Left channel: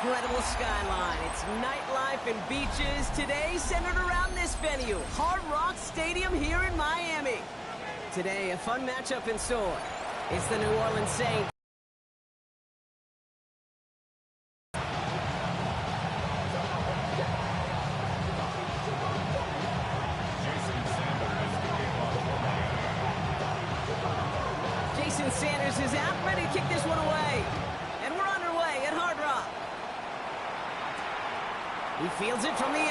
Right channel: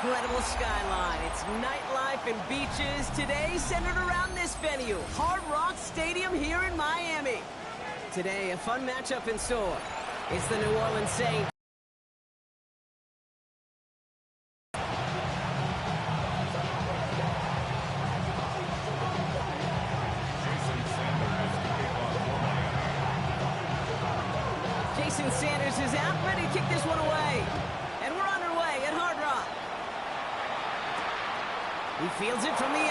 incredible skyline. It's nightlife and beaches. Today centered around this venue, Hard Rock Stadium here in Miami. Today, a fun matchup in store. It's the New Orleans Saints. Jason Sanders is out, ready to kick this one away. And we're underway at Hard Rock. He fields it from the 8.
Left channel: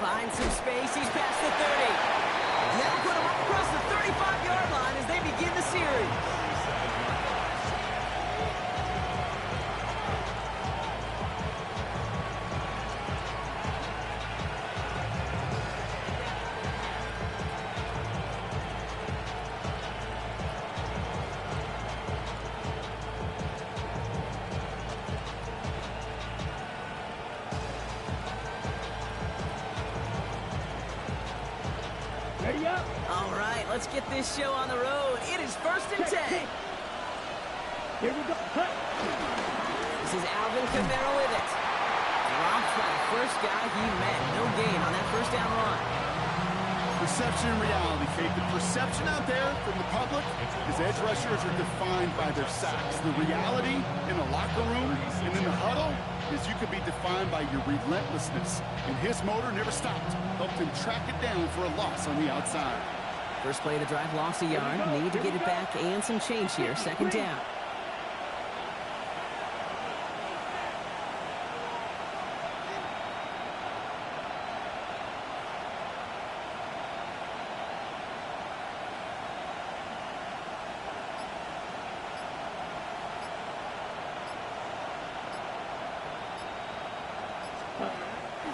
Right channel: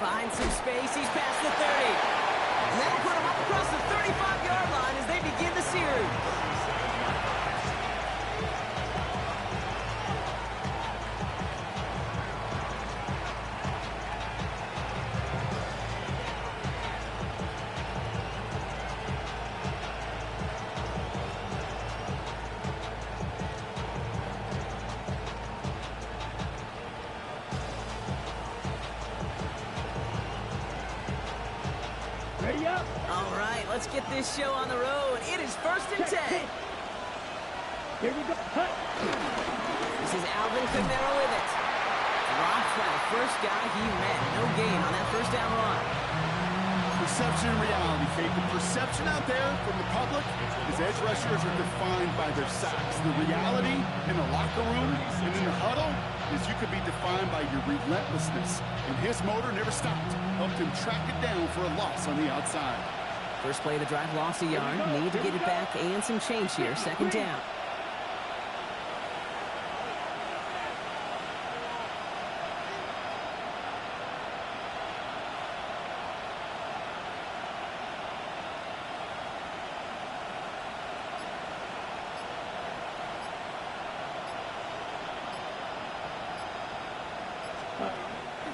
Finds some space, he's past the 30. And that'll put him up across the 35-yard line as they begin the series. Ready up? All right, let's get this show on the road. It is 1st and 10. Here we go. Cut. This is Alvin Kamara with it. Dropped by the first guy he met. No gain on that first down run. Perception and reality, Kate. The perception out there from the public is edge rushers are defined by their sacks. The reality in the locker room and in the huddle is you could be defined by your relentlessness. And his motor never stopped. Helped him track it down for a loss on the outside. First play of the drive, lost a yard. Need to get it back and some change here. 2nd down.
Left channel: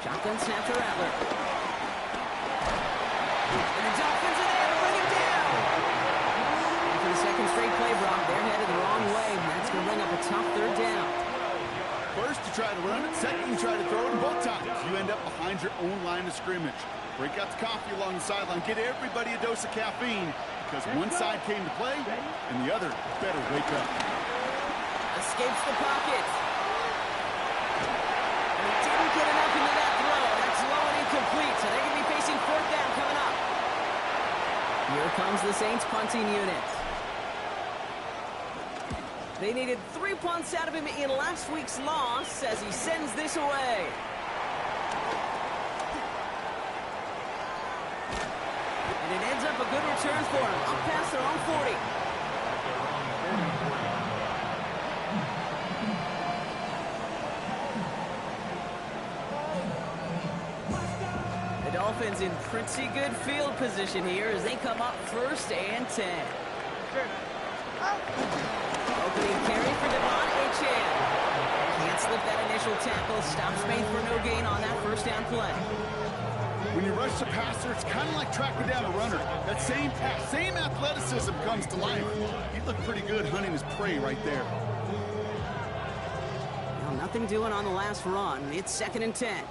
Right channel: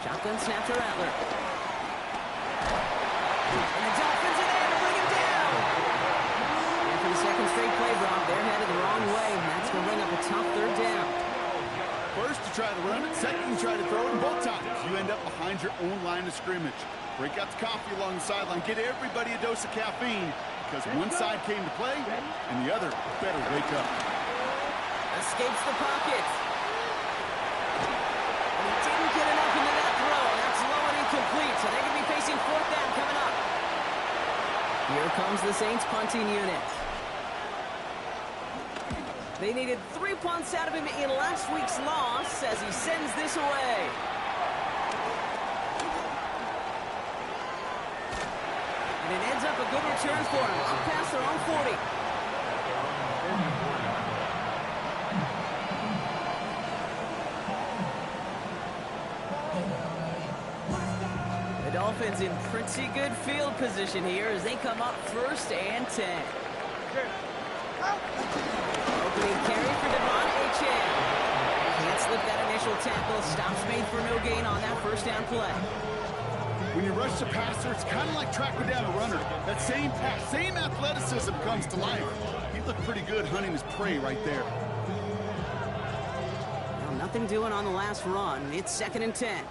Shotgun snap to Rattler. And the Dolphins are there to bring him down. And for the second straight play, Brock, they're headed the wrong way. And that's going to bring up a tough 3rd down. First, you try to run it. Second, you try to throw it. And both times, you end up behind your own line of scrimmage. Break out the coffee along the sideline. Get everybody a dose of caffeine. Because one side came to play, and the other better wake up. Escapes the pocket. And he didn't get enough into that throw. That's low and incomplete, so they're going to be facing 4th down coming up. Here comes the Saints punting unit. They needed 3 punts out of him in last week's loss as he sends this away. And it ends up a good return for him, up past their own 40. The Dolphins in pretty good field position here as they come up 1st and 10. Opening carry for Devon Achane. Can't slip that initial tackle. Stops made for no gain on that 1st down play. When you rush the passer, it's kind of like tracking down a runner. That same pass, same athleticism comes to life. He looked pretty good hunting his prey right there. Well, nothing doing on the last run. It's 2nd and 10.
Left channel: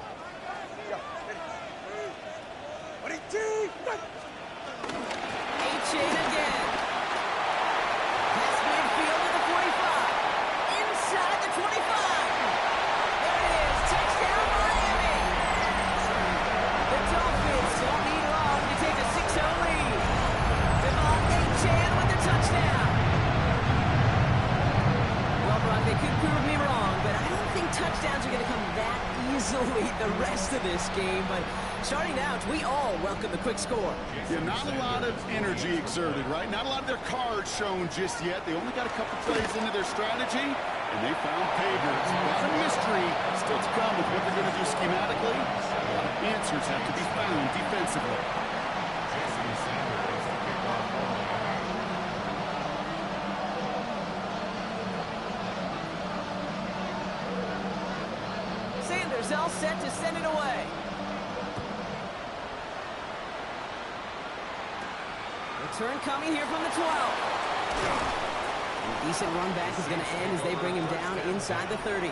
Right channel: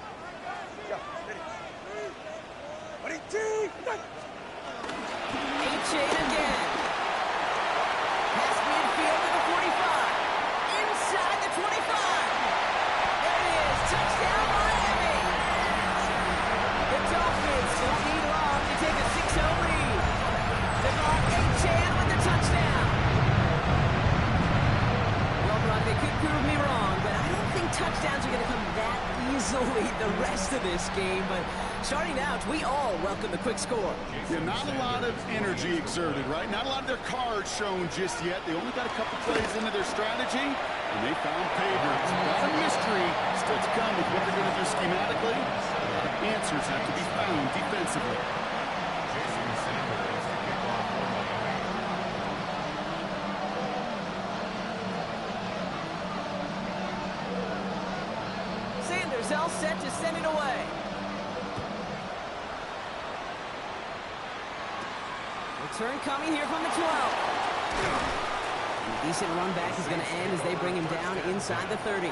Achane again. Past midfield to the 45. Inside the 25. There it is. Touchdown, Miami. The Dolphins don't need long to take a 6-0 lead. Devon Achane with the touchdown. Well, Brock, they could prove me wrong, but I don't think touchdowns are going to come that easily the rest of this game. But starting out, we all welcome the quick score. Yeah, not a lot of energy exerted, right? Not a lot of their cards shown just yet. They only got a couple plays into their strategy, and they found pay dirt. A lot of mystery still to come with what they're going to do schematically. A lot of answers have to be found defensively. Sanders all set to send it away. Return coming here from the 12. A decent run back is going to end as they bring him down inside the 30.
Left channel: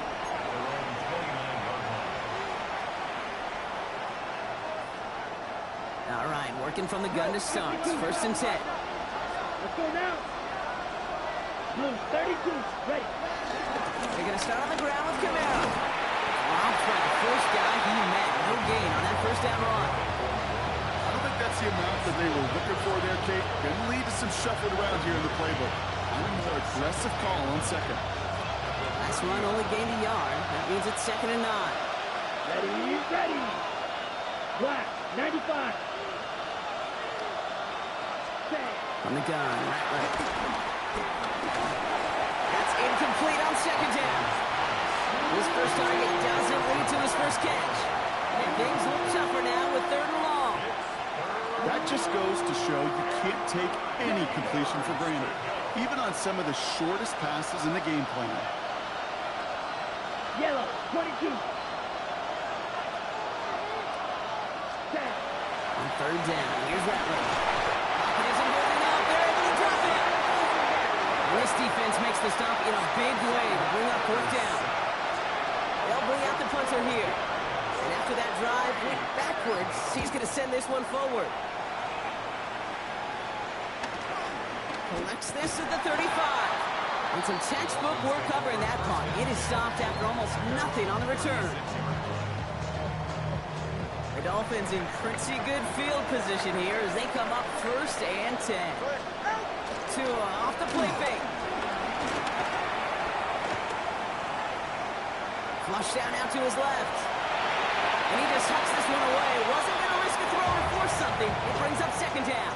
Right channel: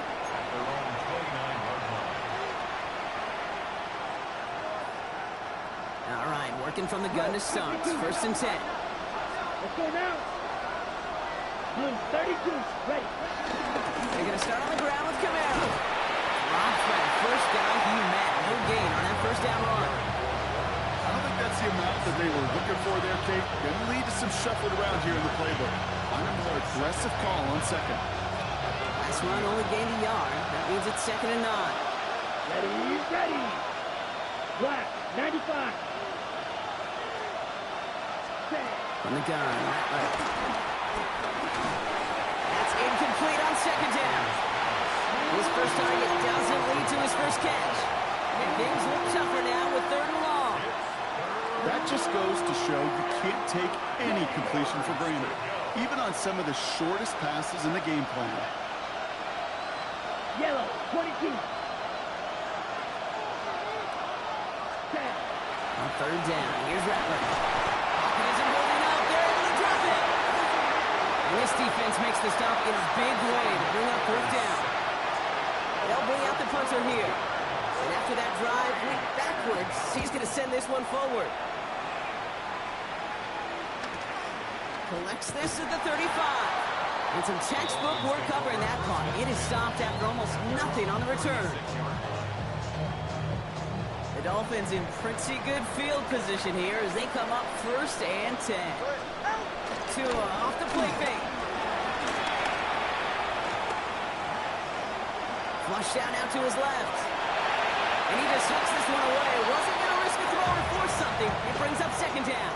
All right, working from the gun to start. 1st and 10. Let's go now. Blue 32, ready. They're going to start on the ground with by the first guy he met. No gain on that first down run. I don't think that's the amount that they were looking for there, Kate. Going to lead to some shuffling around here in the playbook. On a more aggressive call on second. Last run only gained a yard. That means it's 2nd and 9. Ready, ready. Black, 95. From the gun, Rattler. That's incomplete on 2nd down. His first target doesn't lead to his first catch. And things look tougher now with 3rd and long. That just goes to show you can't take any completion for granted, even on some of the shortest passes in the game plan. Yellow, 22. On 3rd down, here's Rattler. Pocket isn't holding up. They're able to drop it. And this defense makes the stop in a big way to bring up 4th down. They'll bring out the punter here. And after that drive, went backwards. He's going to send this one forward. Collects this at the 35. And some textbook work covering that punt. It is stopped after almost nothing on the return. The Dolphins in pretty good field position here as they come up 1st and 10. Tua off the play fake. Flush down out to his left. And he just hucks this one away. Wasn't going to risk a throw or force something. It brings up 2nd down.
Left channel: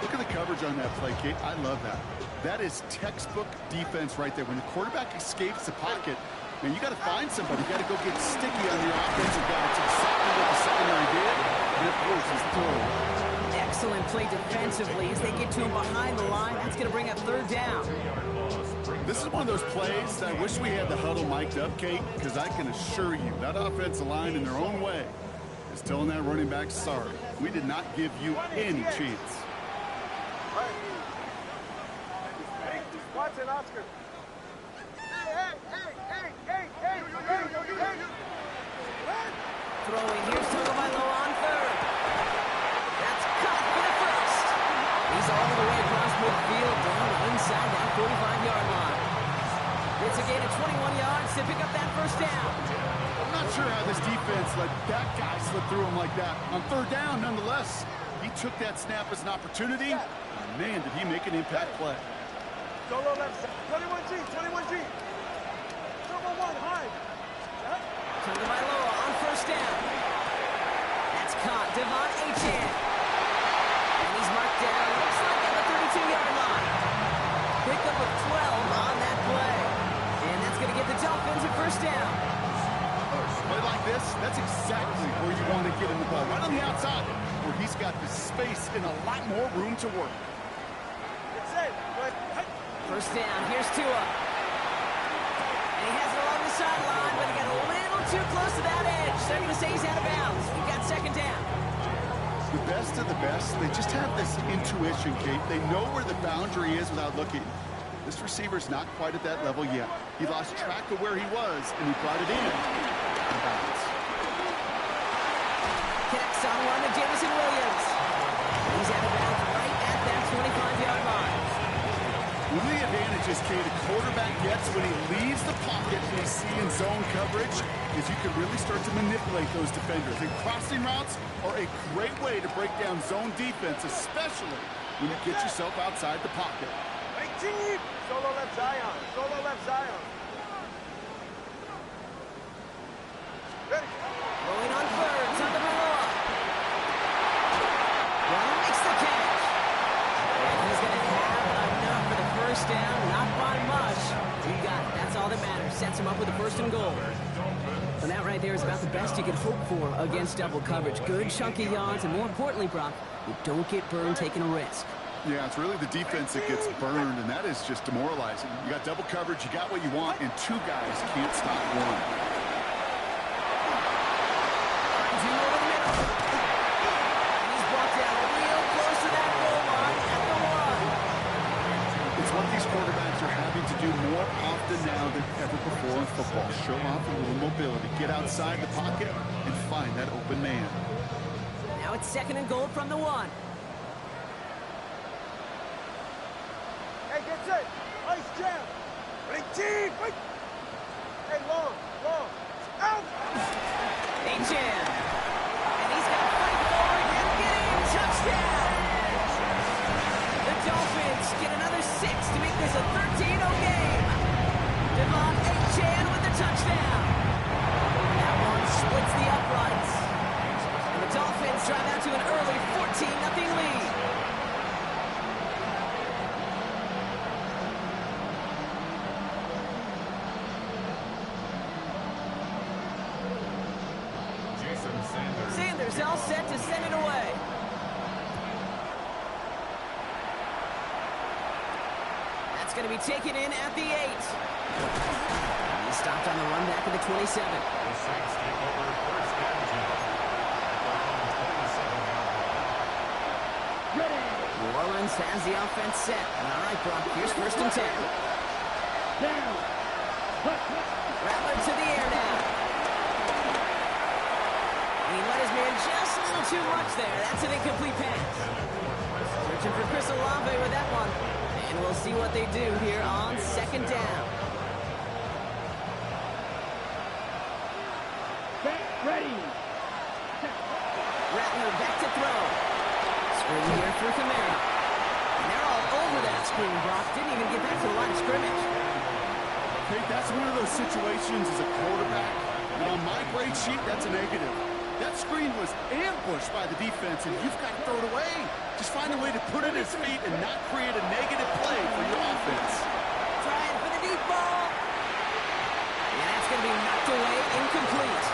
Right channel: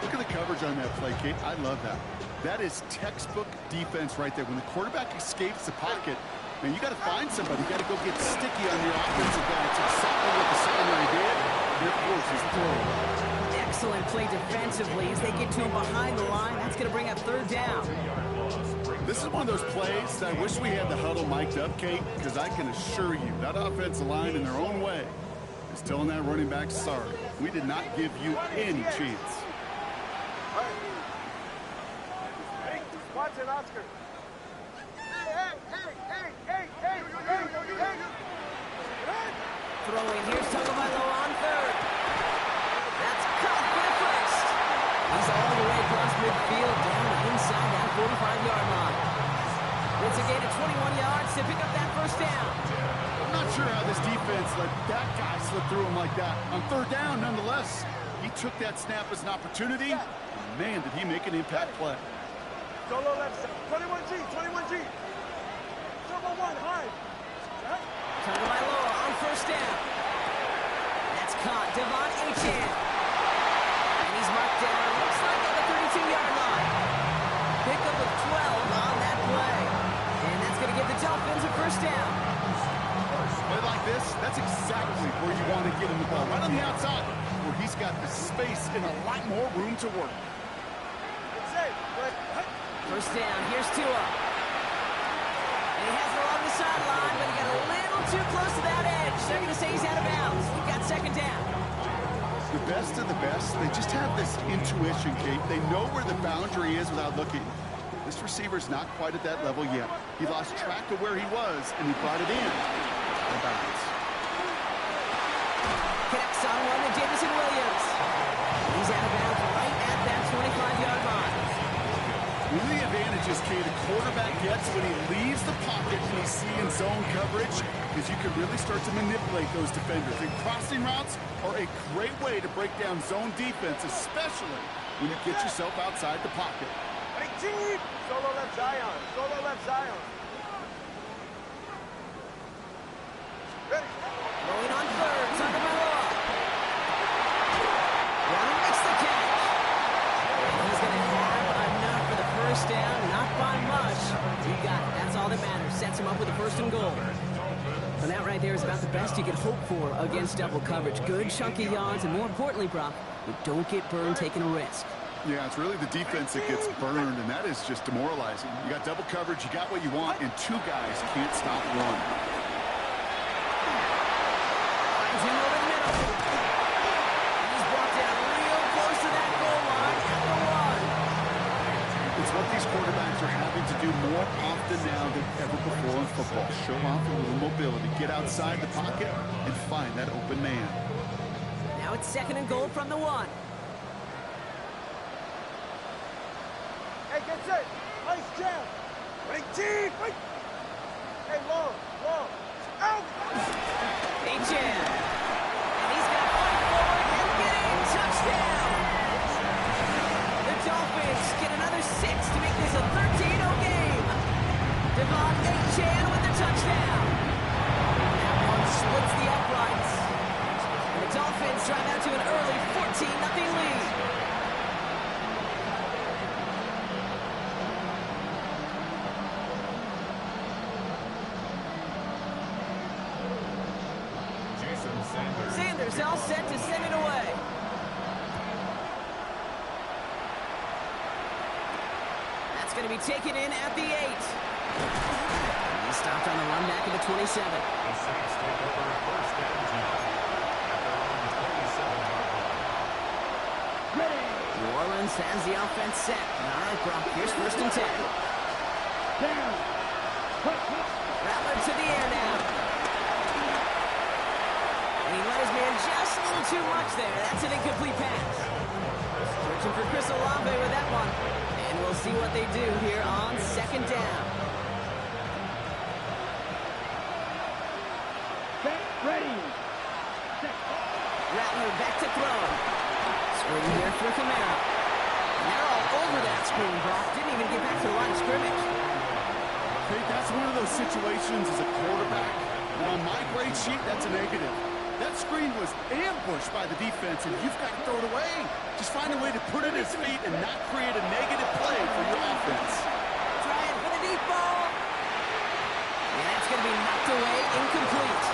Look at the coverage on that play, Kate. I love that. That is textbook defense right there. When the quarterback escapes the pocket, man, you got to find somebody. You got to go get sticky on your offensive guy. It's exactly what the secondary did. And, of course, he's throwing. Excellent play defensively as they get to him behind the line. That's going to bring up 3rd down. This is one of those plays that I wish we had the huddle mic'd up, Kate, because I can assure you that offensive line in their own way is telling that running back, sorry, we did not give you any chance. Watson, Oscar. Throwing, here's Tagovailoa on 3rd. That's caught for the 1st. He's all the way across midfield, down inside that 45-yard line. It's a gain of 21 yards to pick up that 1st down. I'm not sure how this defense let that guy slip through him like that. On 3rd down, nonetheless, he took that snap as an opportunity. And man, did he make an impact play. Solo left side. 21G, 21G. Turbo 1, high. Tagovailoa on 1st down. That's caught. Devon Achane. And he's marked down, looks like at the 32-yard line. Pickup of 12 on that play. And that's going to get the Dolphins a 1st down. Play like this, that's exactly where you want to get him the ball. Right on the outside, where he's got the space and a lot more room to work. It's safe. Good. 1st down, here's Tua. And he has it along the sideline, but he got a little too close to that edge. They're going to say he's out of bounds. We've got 2nd down. The best of the best, they just have this intuition, Kate. They know where the boundary is without looking. This receiver's not quite at that level yet. He lost track of where he was, and he brought it in. Out of bounds. Connects on one to Jamison Williams. He's out of bounds right at that 25-yard line. One of the advantages, Kate, a quarterback gets when he leaves the pocket and he's seeing zone coverage is you can really start to manipulate those defenders. And crossing routes are a great way to break down zone defense, especially when you get yourself outside the pocket. 18. Solo left Zion. Solo left Zion. Ready. Rolling on 3rd, Tagovailoa. Runner makes the catch. And he's going to have enough for the 1st down, not by much. He got it. That's all that matters. Sets him up with a 1st and goal. And that right there is about the best you could hope for against double coverage. Good chunky yards, and more importantly, Brock, you don't get burned taking a risk. Yeah, it's really the defense that gets burned, and that is just demoralizing. You got double coverage, you got what you want, and 2 guys can't stop one. Finds him over the middle. And he's brought down real close to that goal line at the 1. It's what these quarterbacks are having to do more often now than ever before in football. Show off a little mobility, get outside the pocket, and find that open man. Now it's 2nd and goal from the 1. Hey, get set. Ice jam. 18. Wait. Hey, long. Out. Chan. And he's going to fight forward and get in. Touchdown. The Dolphins get another 6 to make this a 13-0 game. Devon Chan with the touchdown. That one splits the uprights. And the Dolphins drive out to an early 14-0 lead. Sanders all set to send it away. That's going to be taken in at the 8. He stopped on the run back of the 27. The Saints take over first and 10 at their own 27-yard line. Ready. New Orleans has the offense set. All right, Brock, here's first and 10. Down. Rattler to the air now. And he let his man just a little too much there. That's an incomplete pass. Searching for Chris Olave with that one. And we'll see what they do here on second down. Set. Ready. Rattler back to throw. Screen here for Kamara. And they're all over that screen, Brock. Didn't even get back to the line of scrimmage. Okay, that's one of those situations as a quarterback. And on my grade sheet, that's a negative. That screen was ambushed by the defense, and you've got to throw it away. Just find a way to put it at his feet and not create a negative play for your offense. Trying for the deep ball. And that's going to be knocked away, incomplete.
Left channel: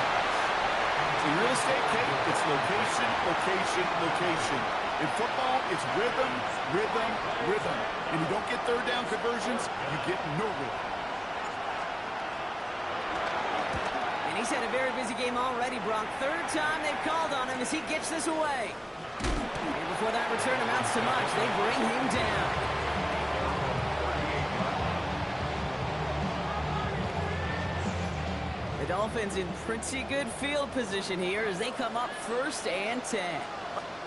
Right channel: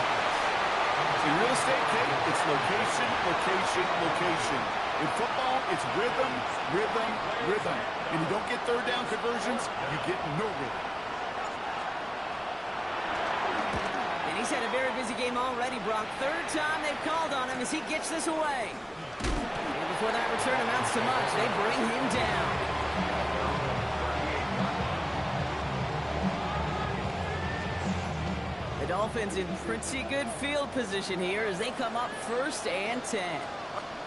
In real estate, Kate, it's location, location, location. In football, it's rhythm, rhythm, rhythm. And you don't get third down conversions, you get no rhythm. And he's had a very busy game already, Brock. Third time they've called on him as he gets this away. And before that return amounts to much, they bring him down. The Dolphins in pretty good field position here as they come up first and 10.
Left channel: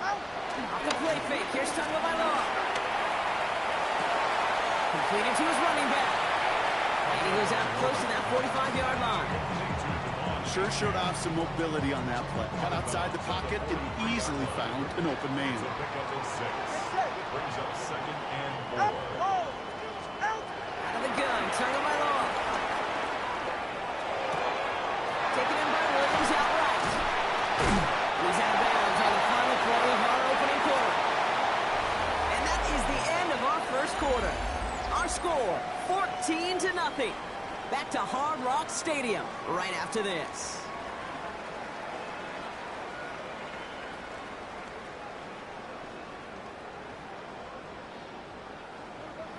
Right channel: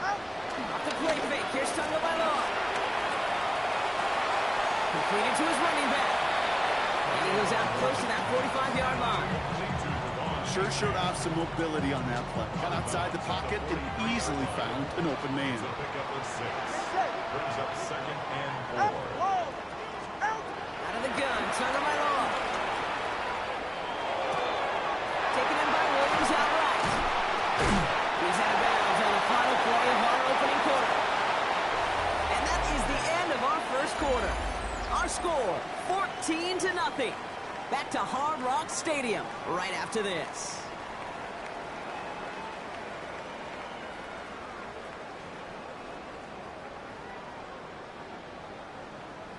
Off the play fake. Here's Tagovailoa. Completed to his running back. And he goes out close to that 45-yard line. Sure showed off some mobility on that play. Got outside the pocket and easily found an open man. It's a pickup of 6. Brings up second and 4. Out of the gun, Tagovailoa. Taken in by Williams outright. He's out of bounds on the final play of our opening quarter. And that is the end of our first quarter. Our score, 14-0. Back to Hard Rock Stadium right after this.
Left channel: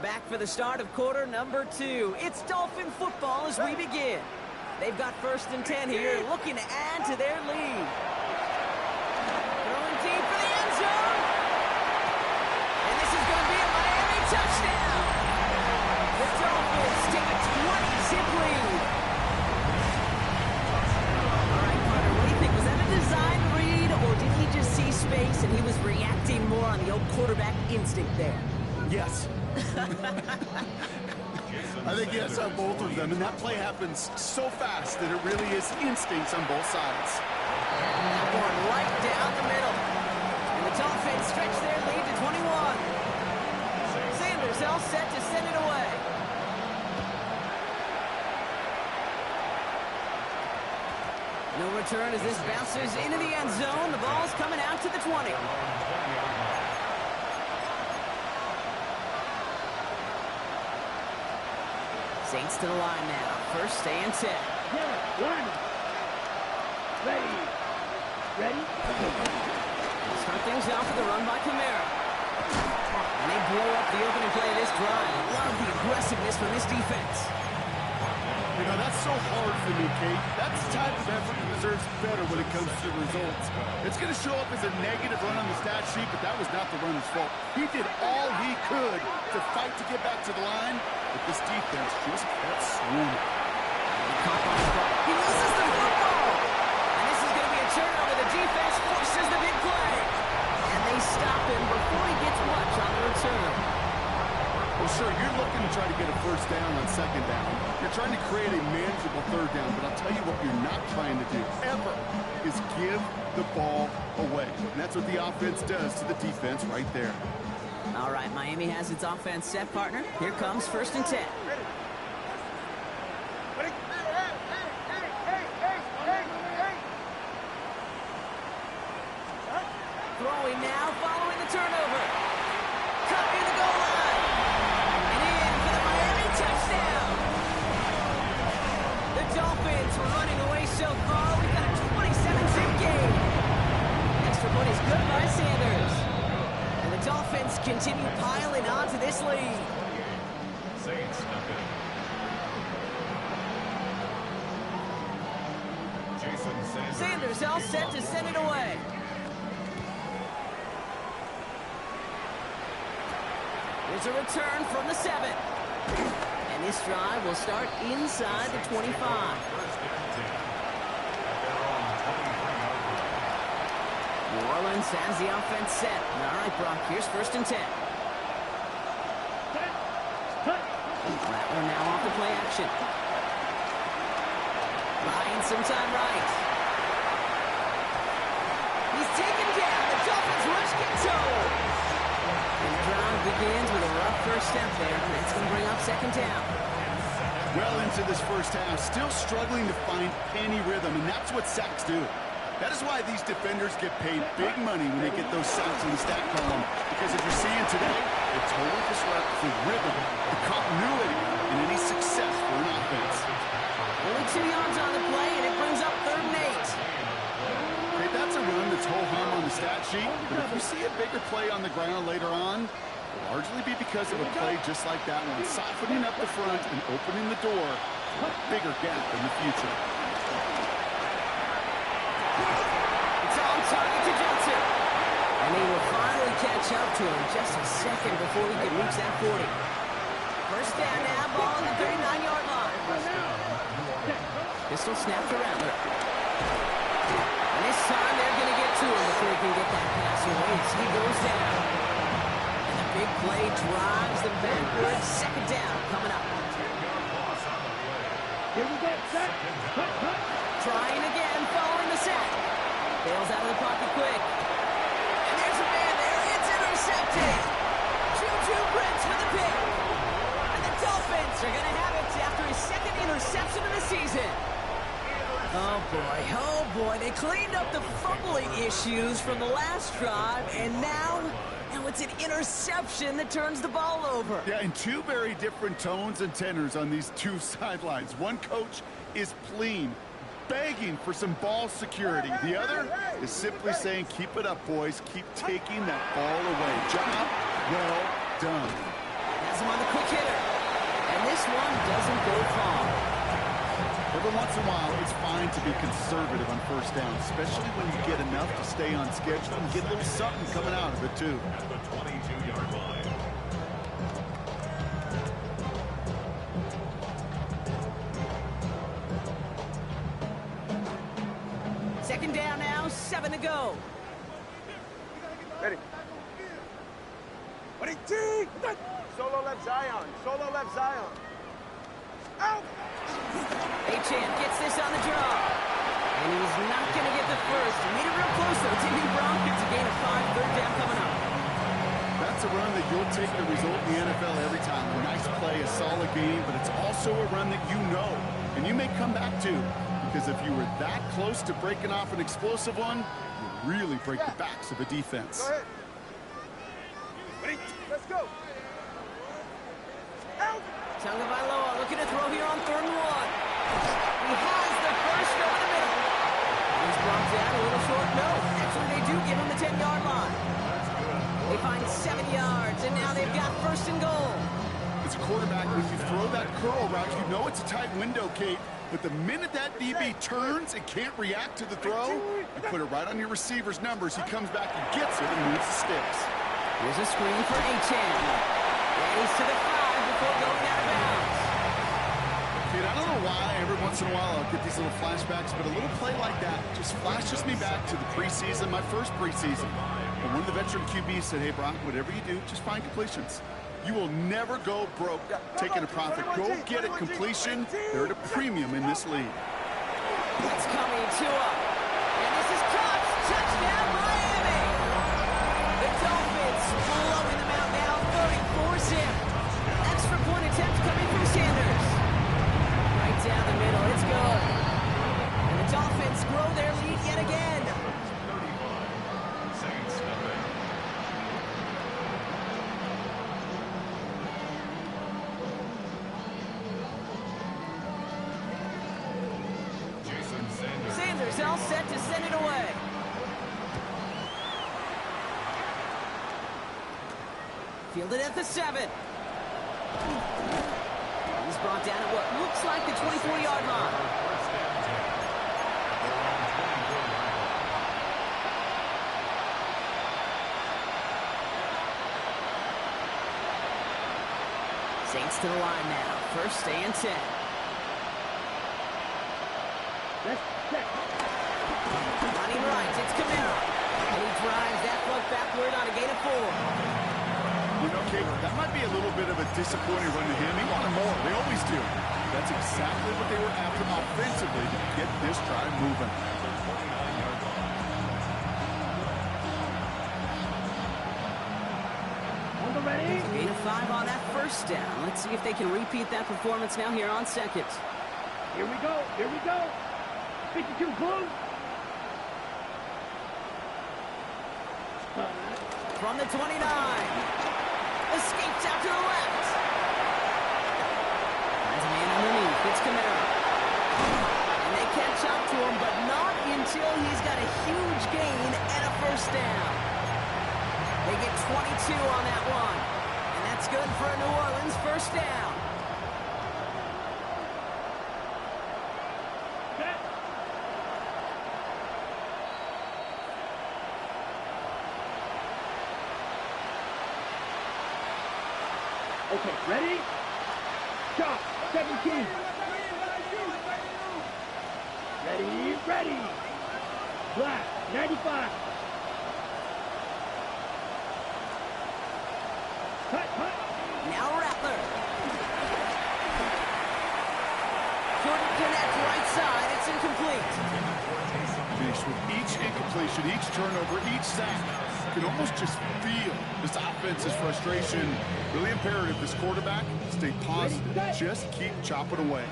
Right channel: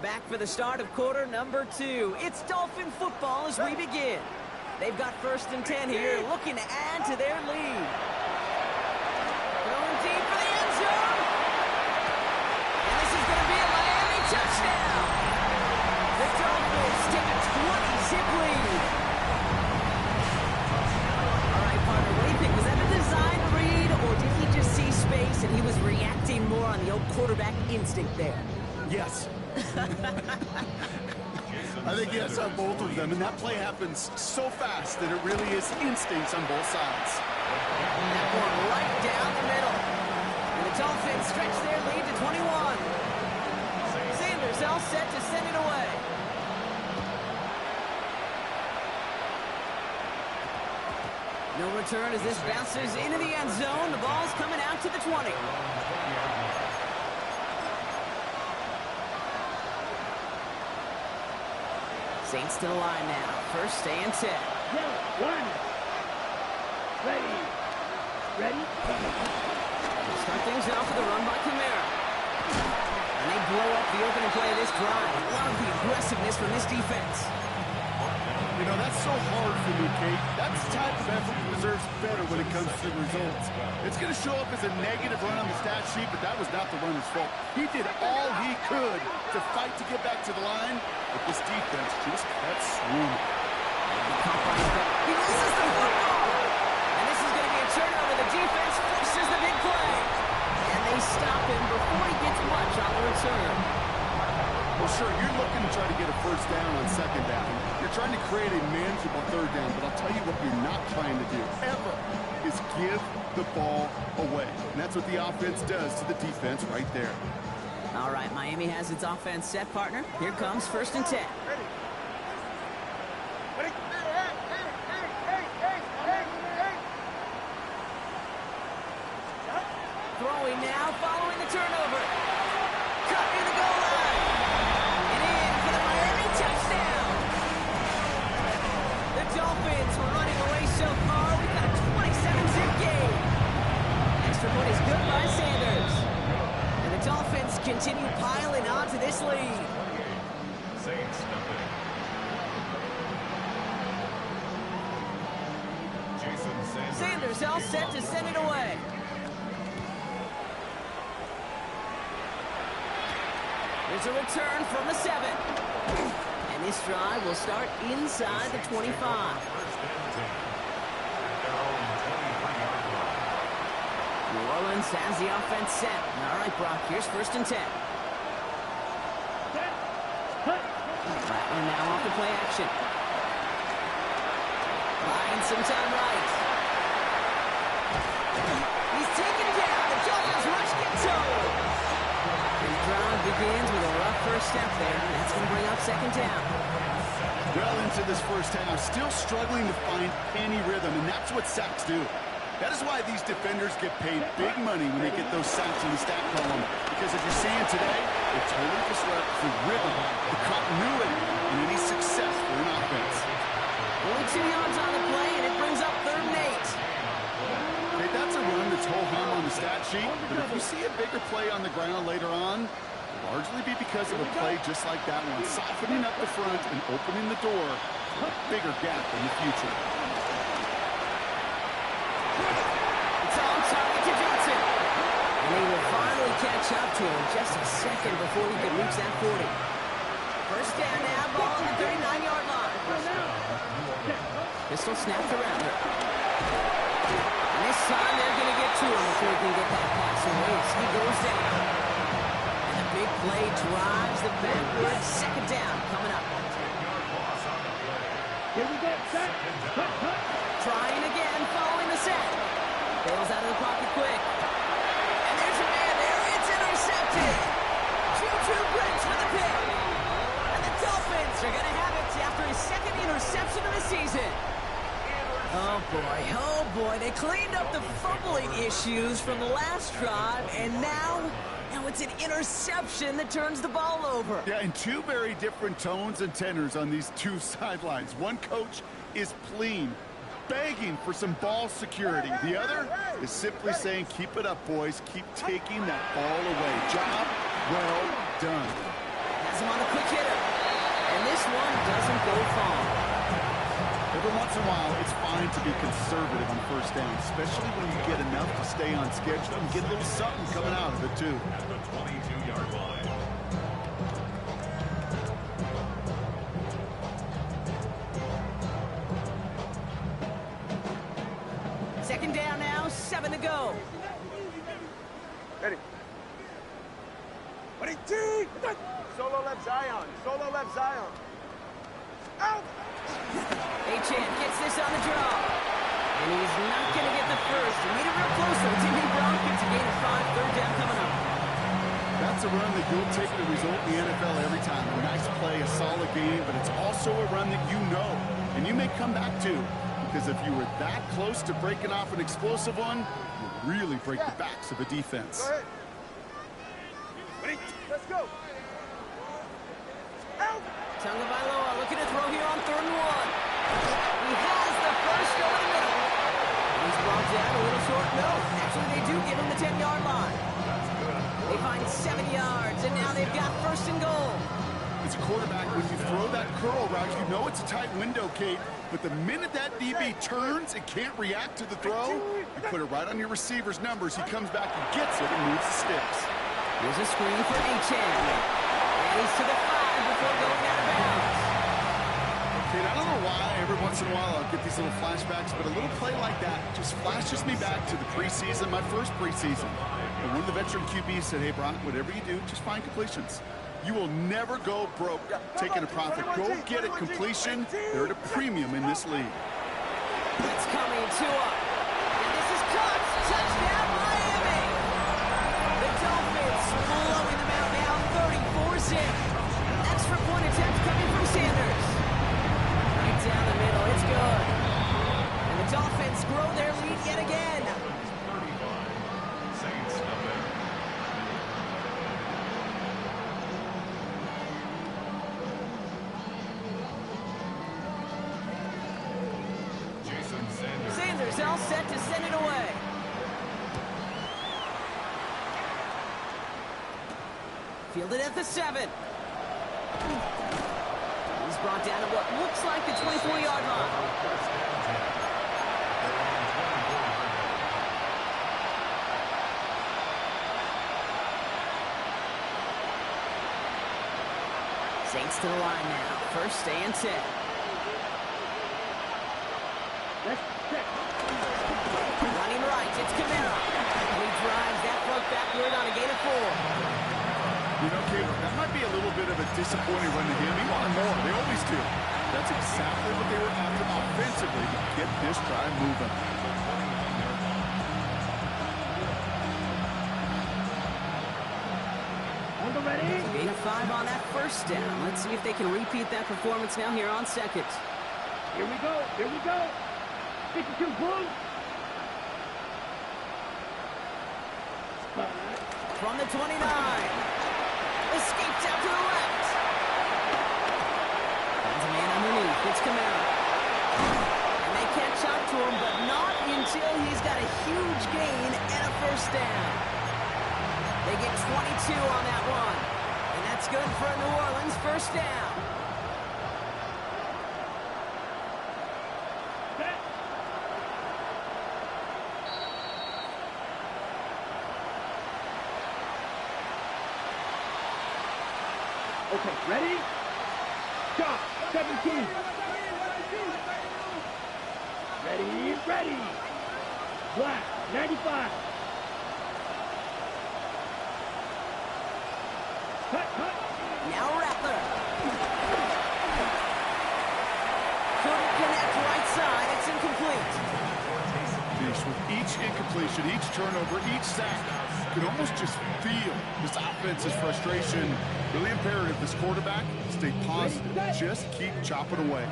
Back for the start of quarter number 2. It's Dolphin football as we begin. They've got first and 10 here, looking to add to their lead. Throwing deep for the end zone. And this is going to be a Miami touchdown. The Dolphins take a 20-zip lead. All right, partner, what do you think? Was that a design read, or did he just see space and he was reacting more on the old quarterback instinct there? Yes. I think yes on both of them, and that play happens so fast that it really is instincts on both sides. And that one right down the middle. And the Dolphins stretch their lead to 21. Sanders all set to send it away. No return as this bounces into the end zone. The ball's coming out to the 20. Saints to the line now. First and 10. One. Ready. Ready. Start things off with a run by Kamara. And they blow up the opening play of this drive. Love the aggressiveness from this defense. You know, that's so hard for me, Kate. That's the type of effort that deserves better when it comes to results. It's going to show up as a negative run on the stat sheet, but that was not the runner's fault. He did all he could to fight to get back to the line, but this defense just kept swarming. He loses the football. And this is going to be a turnover. The defense forces the big play. And they stop him before he gets much on the return. Well, sure, you're looking to try to get a first down on second down. You're trying to create a manageable third down, but I'll tell you what you're not trying to do, ever, is give the ball away. And that's what the offense does to the defense right there. All right, Miami has its offense set, partner. Here comes 1st and 10. Ready. Ready. Shot. Throwing now, following the turnover. Cut near the goal line. And in for the Miami touchdown. The Dolphins were running away so far. We've got a 27-zip game. Extra point is good by Sanders. And the Dolphins continue piling on to this lead. Saints nothing. Jason Sanders. Sanders all set to send it away. Here's a return from the 7. And this drive will start inside the 25. 1st and 10 at their own 23-yard line. New Orleans has the offense set. All right, Brock, here's 1st and 10. Rattler now off the play action. Buying some time right. He's taken down. The Dolphins rush gets over. And the drive begins with a rough first step there. And that's going to bring up 2nd down. Well into this first half, still struggling to find any rhythm, and that's what sacks do. That is why these defenders get paid big money when they get those sacks in the stat column. Because as you're seeing today, it totally disrupts the rhythm, the continuity, and any success for an offense. Only 2 yards on the play, and it brings up 3rd and 8. Okay, that's a run that's ho-hum on the stat sheet, but if you see a bigger play on the ground later on, it'll largely be because of a play just like that one, softening up the front and opening the door for a bigger gap in the future. It's on target to Johnson. And he will finally catch up to him just a second before he can reach that 40. First down now, ball on the 39-yard line. Pistol snap to Rattler. And this time they're going to get to him before he can get that pass away as he goes down. And the big play drives the backwards. 2nd down coming up. 10-yard loss on the play. Here we go, set, cut. Trying again, following the set. Bails out of the pocket quick. And there's a man there. It's intercepted. Juju Brents with the pick. And the Dolphins are going to have it after his 2nd interception of the season. Oh boy. They cleaned up the fumbling issues from the last drive, and now it's an interception that turns the ball over. Yeah, and 2 very different tones and tenors on these 2 sidelines. One coach is pleading, begging for some ball security. The other is simply saying, keep it up, boys. Keep taking that ball away. Job well done. Has him on the quick hitter. And this one doesn't go far. Every once in a while, it's fine to be conservative on first down, especially when you get enough to stay on schedule and get a little something coming out of it, too. At the 22-yard line. Second down now, 7 to go. Ready. Ready, T. Solo left Zion. Solo left Zion. Out. Achane gets this on the draw. And he's not going to get the first. He made it real close, though. It's Indy Broncos, a gain of 5, 3rd down coming up. That's a run that you'll take the result in the NFL every time. A nice play, a solid game, but it's also a run that you know, and you may come back to. Because if you were that close to breaking off an explosive one, you really break the backs of a defense. Go ahead. Ready. Let's go. Out. Tagovailoa looking to throw here on 3rd and 1. He has the first over the middle. He's brought down a little short. No, actually they do give him the 10-yard line. That's good. They find 7 yards, and now they've got 1st and goal. As a quarterback, when you throw that curl route, you know it's a tight window, Kate. But the minute that DB turns and can't react to the throw, you put it right on your receiver's numbers. He comes back and gets it and moves the sticks. Here's a screen for Achane. And he's to the 5 before going out of bounds. Kate, I don't know why every once in a while I'll get these little flashbacks, but a little play like that just flashes me back to the preseason, my first preseason. And one of the veteran QBs said, hey, Brock, whatever you do, just find completions. You will never go broke taking a profit. Go get a completion. They're at a premium in this league. It's coming to him. And this is caught. Touchdown, Miami. The Dolphins blowing them out now, 34-zip. Extra point attempt coming from Sanders. Right down the middle. It's good. And the Dolphins grow their lead yet again. 35. Saints nothing. Sanders all set to send it away. Fielded at the 7. He's brought down at what looks like the 24-yard line. First and 10. At their own 24-yard line. Saints to the line now. First and 10. Let's check. Running right, it's Camara. And he drives that front backward on a gain of 4. You know, Kate, that might be a little bit of a disappointing run to him. He wanted more. They always do. That's exactly what they were after offensively to get this drive moving. At the 29-yard line. On the ready. Gain of 5 on that first down. Let's see if they can repeat that performance now here on second. Here we go. Here we go. 52 Blue. From the 29. Escapes out to the left. Finds a man underneath. It's Camara. And they catch up to him, but not until he's got a huge gain and a first down. They get 22 on that one. And that's good for a New Orleans first down. Okay, ready? Chop, 17. Ready, ready. Black, 95. Cut, cut. Now Rattler. Couldn't connect right side. It's incomplete. With each incompletion, each turnover, each sack, you can almost just feel this offense's frustration. Really imperative this quarterback stay positive. Just keep chopping away.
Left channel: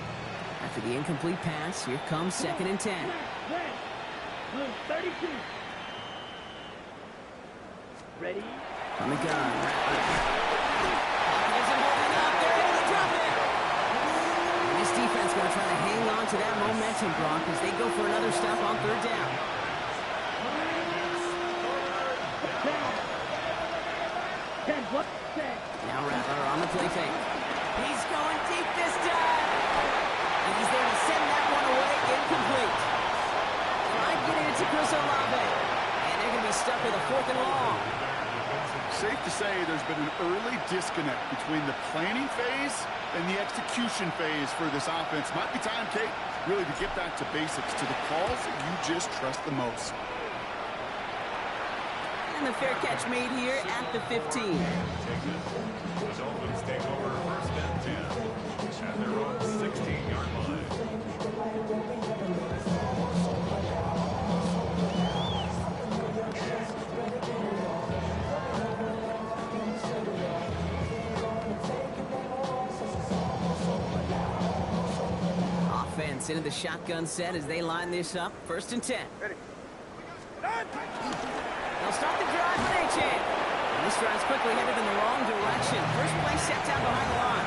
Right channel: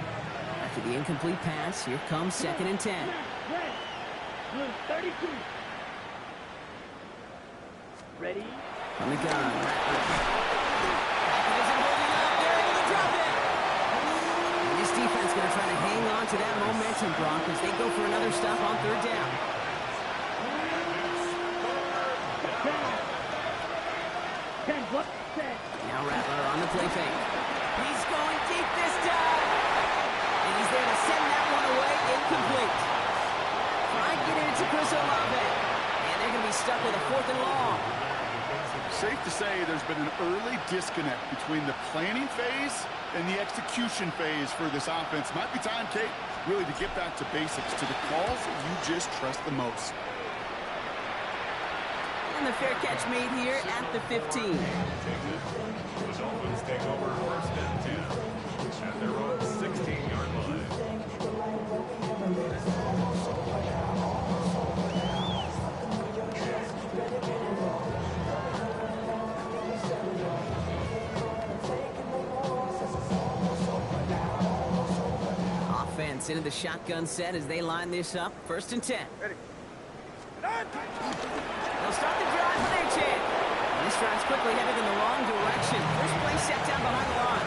After the incomplete pass, here comes second and 10. Red, blue, 32. Ready? On the gun, Rattler. Pocket isn't holding up. They're able to drop it. And this defense going to try to hang on to that momentum, Brock, as they go for another stop on third down. 10, what? 10. Now Rattler on the play fake. He's going deep this time. And he's there to send that one away, incomplete. Try getting it to Chris Olave. And they're going to be stuck with a 4th and long. Safe to say there's been an early disconnect between the planning phase and the execution phase for this offense. Might be time, Kate, really to get back to basics, to the calls that you just trust the most. And the fair catch made here at the 15. The Dolphins take over first and 10 at their own 16-yard line. Offense into the shotgun set as they line this up. First and 10. Ready. They'll start the drive with H-Hand. And this drive's quickly headed in the wrong direction. First play set down behind the line.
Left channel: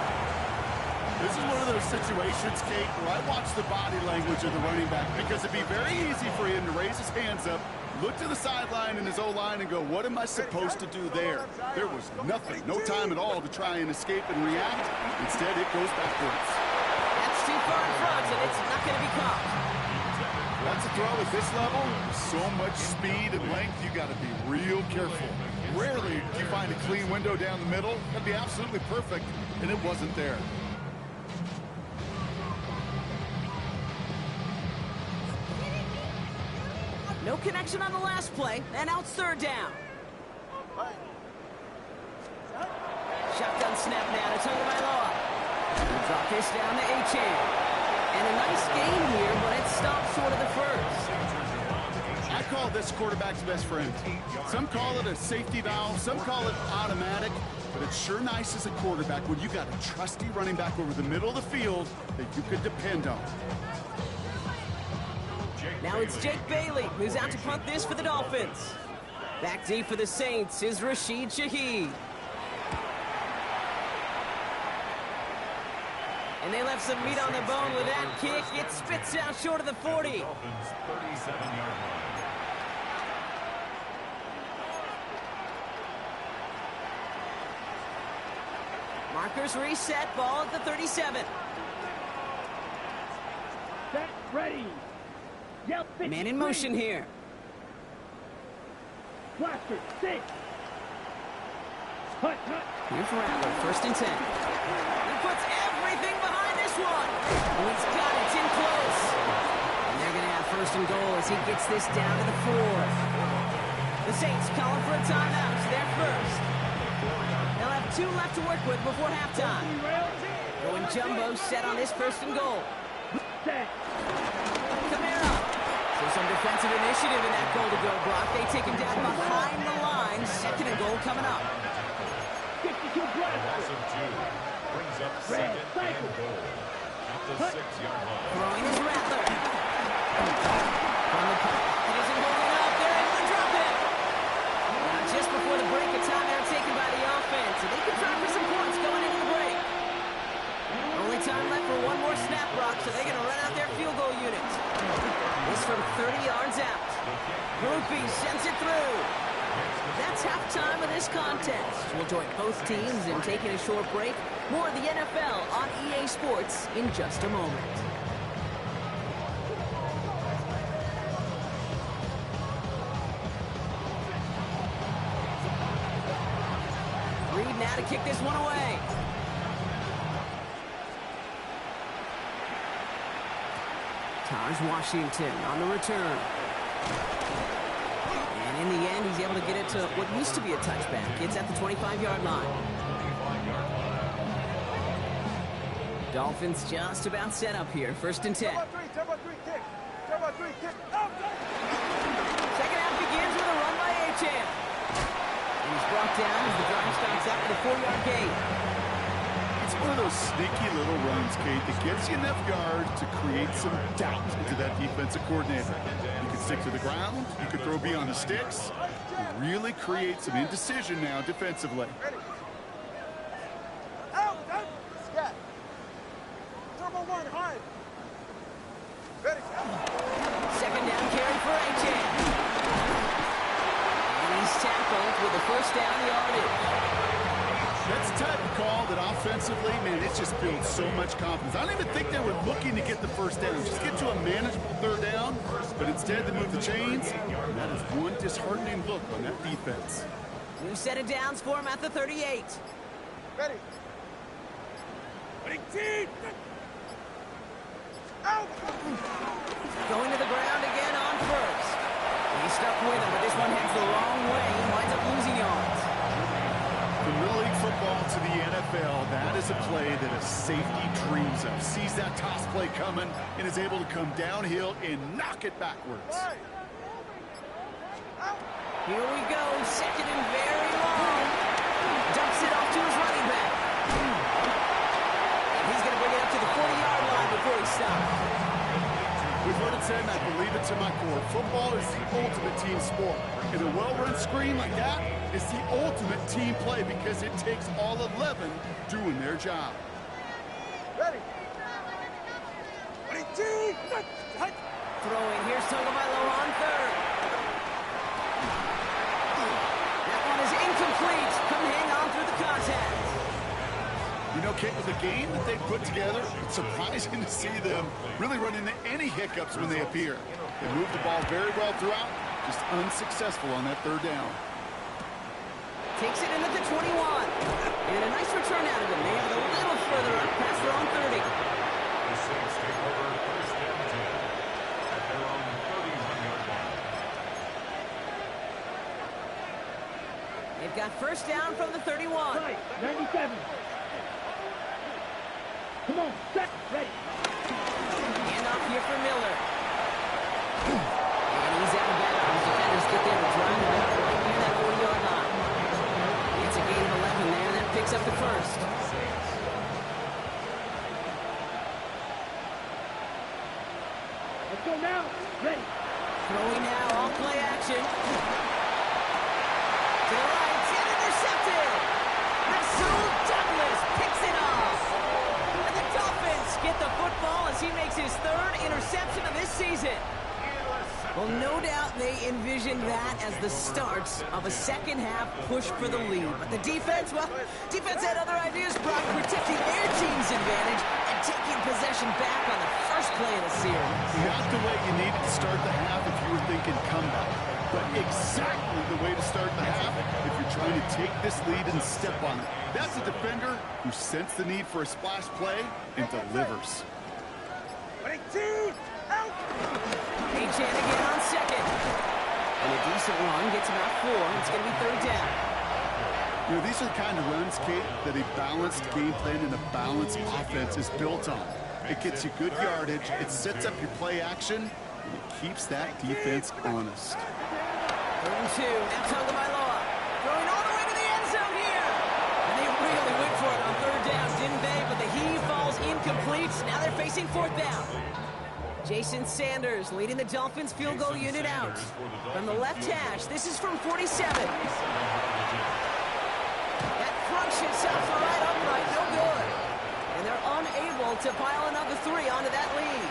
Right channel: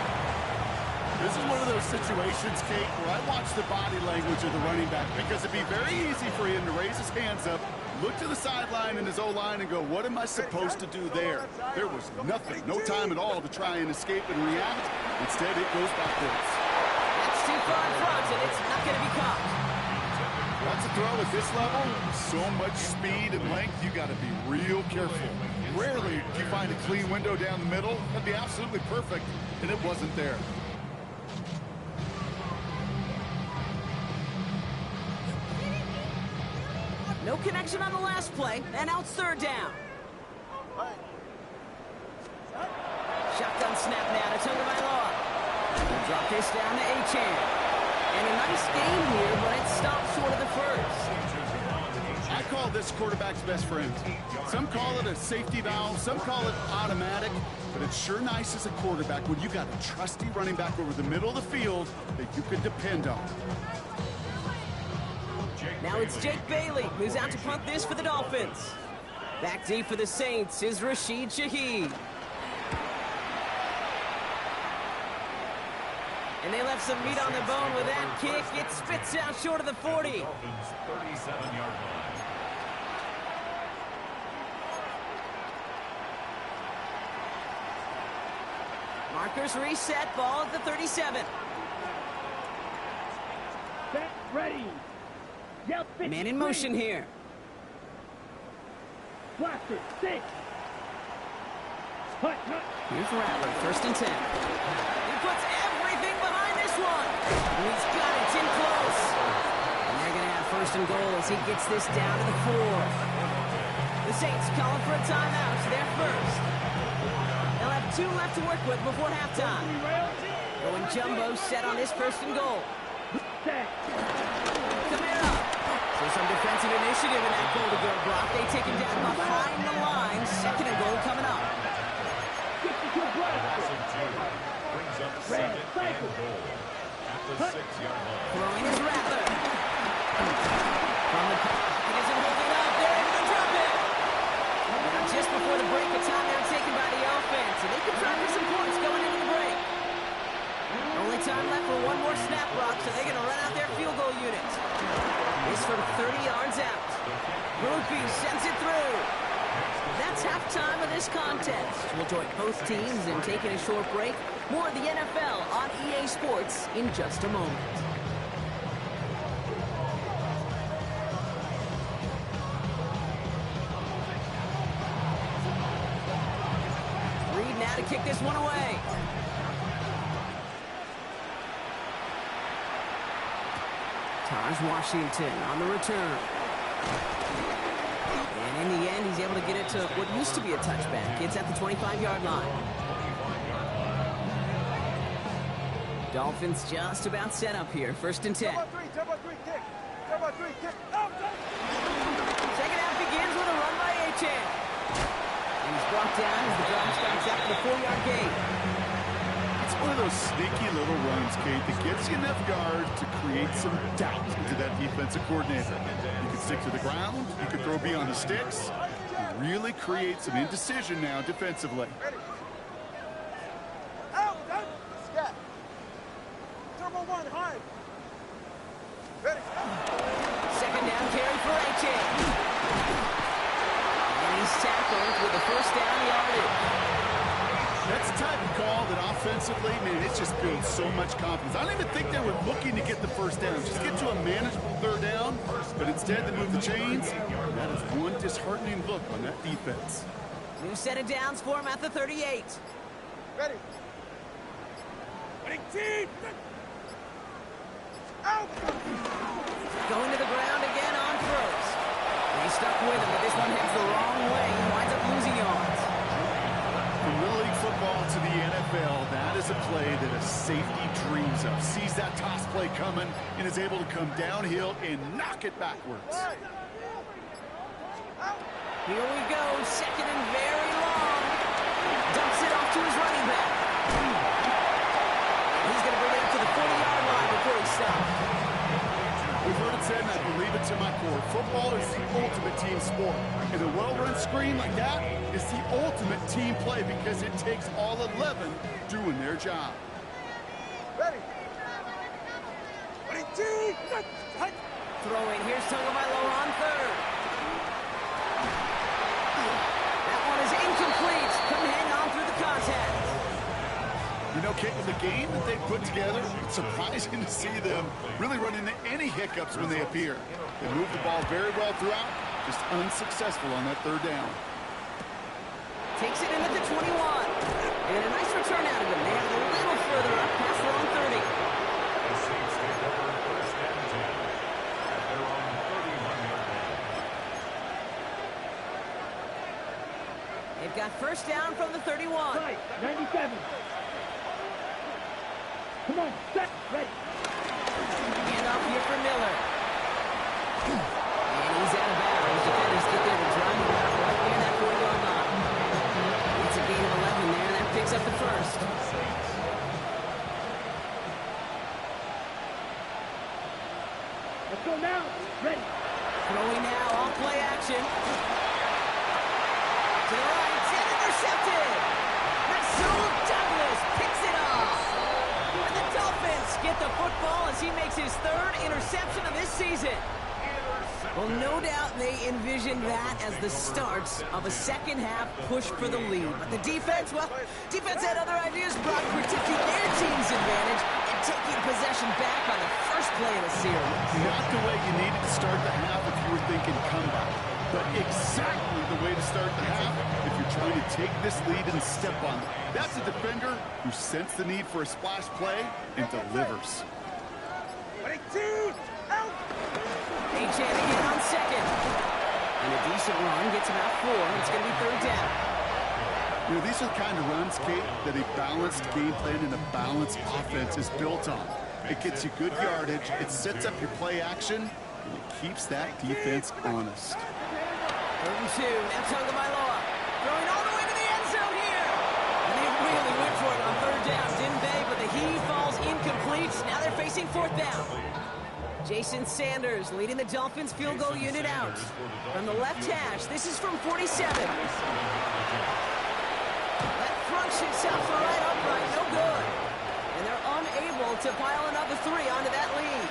This is one of those situations, Kate, where I watch the body language of the running back because it'd be very easy for him to raise his hands up, look to the sideline in his O-line and go, what am I supposed to do there? There was nothing, no time at all to try and escape and react. Instead, it goes backwards. That's too far in front, and it's not going to be caught. That's a throw at this level. With so much speed and length, you got to be real careful. Rarely do you find a clean window down the middle. That'd be absolutely perfect, and it wasn't there. No connection on the last play, and now it's third down. Shotgun snap now to Tagovailoa. He'll drop this down to Achane. And a nice game here, but it stopped short of the first. I call this quarterback's best friend. Some call it a safety valve, some call it automatic, but it's sure nice as a quarterback when you got a trusty running back over the middle of the field that you could depend on. Now it's Jake Bailey, who's out to punt this for the Dolphins. Back deep for the Saints is Rashid Shaheed. And they left some meat on the bone with that kick. It spits out short of the 40. Dolphins 37-yard line. Markers reset, ball at the 37. Set, ready. Yell, Man in motion here. Blaster, 6. Hut, hut. Here's Rattler, 1st and 10. He puts everything behind this one. Oh, he's got it, it's in close. And they're going to have 1st and goal as he gets this down to the 4. The Saints calling for a timeout. It's their first. They'll have 2 left to work with before halftime. Going jumbo set on this 1st and goal. Set. Kamara. So some defensive initiative in that goal to go, Brock. They take him down behind the line. 2nd and goal coming up. 52 Loss blaster. of 2 brings up 2nd and goal at the 6-yard line. Throwing is Rattler. From the pocket isn't holding up. They're able to drop it. Now just before the break, a timeout taken by the offense. And they can try for some points going into the break. Only time left for one more snap, Brock, so they're going to run out their field goal unit. This from 30 yards out. Murphy sends it through. That's halftime of this contest. We'll join both teams in taking a short break. More of the NFL on EA Sports in just a moment. Reed now to kick this one away. Taj Washington on the return. And in the end, he's able to get it to what used to be a touchback. It's at the 25-yard line. 25-yard line. Dolphins just about set up here. 1st and 10. Turbo 3, kick. Turbo 3, kick. Out, Second half begins with a run by Achane. And he's brought down as the drive starts after the 4-yard gain. It's one of those sneaky little runs, Kate, that gets you enough yards to create some doubt into that defensive coordinator. You can stick to the ground, you can throw beyond the sticks, really create some indecision now defensively. ready. Out, out. Scat. Turbo 1, high. Ready. Second down carry for Achane. And he's tackled with the 1st down yardage. That's the type of call that offensively, man, it just builds so much confidence. I don't even think they were looking to get the 1st down. Just get to a manageable 3rd down, but instead they move the chains. And that is one disheartening look on that defense. New set of downs for him at the 38. Ready. Ready, team. Out. Going to the ground again on 1st. He's stuck with him, but this one heads the wrong way. He winds up losing yards. From Little League football to the NFL, that is a play that a safety dreams of. Sees that toss play coming and is able to come downhill and knock it backwards. Here we go, 2nd and very long. Dumps it off to his running back. And he's going to bring it up to the 40-yard line before he stops. We've heard it said, and I believe it to my core, football is the ultimate team sport. And a well-run screen like that is the ultimate team play because it takes all 11 doing their job. Ready. Ready, team. Throwing, here's Tagovailoa on 3rd. That one is incomplete. Couldn't hang on through the contact. You know, Kate, with the game that they put together, it's surprising to see them really run into any hiccups when they appear. They moved the ball very well throughout, just unsuccessful on that 3rd down. Takes it in at the 21. And a nice return out of him. They have it a little further up past their own 30. The Saints take over 1st and 10 at their own 31-yard line. They They've got first down from the 31. Right, 97. Come on, set, ready. Hand off here for Miller. And he's out of bounds. Defenders get there to drive him out right near that 40-yard line. It's a gain of 11 there, and that picks up the first. Let's go now, ready. Throwing now, all play action. To the right, and intercepted. Rasul Douglas picks it off. And the Dolphins get the football as he makes his third interception of this season. Well, no doubt they envisioned that as the start of a second-half push for the lead. But the defense, well, defense had other ideas, Brock, protecting their team's advantage and taking possession back on the first play of the series. Not the way you needed to start the half if you were thinking comeback, but exactly the way to start the half if you're trying to take this lead and step on it. That's a defender who sensed the need for a splash play and delivers. Ready, two, out. Achane again on second. And a decent run gets him out 4. It's going to be third down. You know, these are the kind of runs, Kate, that a balanced game plan and a balanced offense is built on. It gets you good yardage, it sets up your play action, and it keeps that defense honest. 3rd and 2. Now Tagovailoa throwing all the way to the end zone here. And they really went for it on third down, didn't they? But the heave falls incomplete. Now they're facing 4th down. Jason Sanders leading the Dolphins field goal unit out. From the left hash, this is from 47. That crunches off the right upright, no good. And they're unable to pile another 3 onto that lead.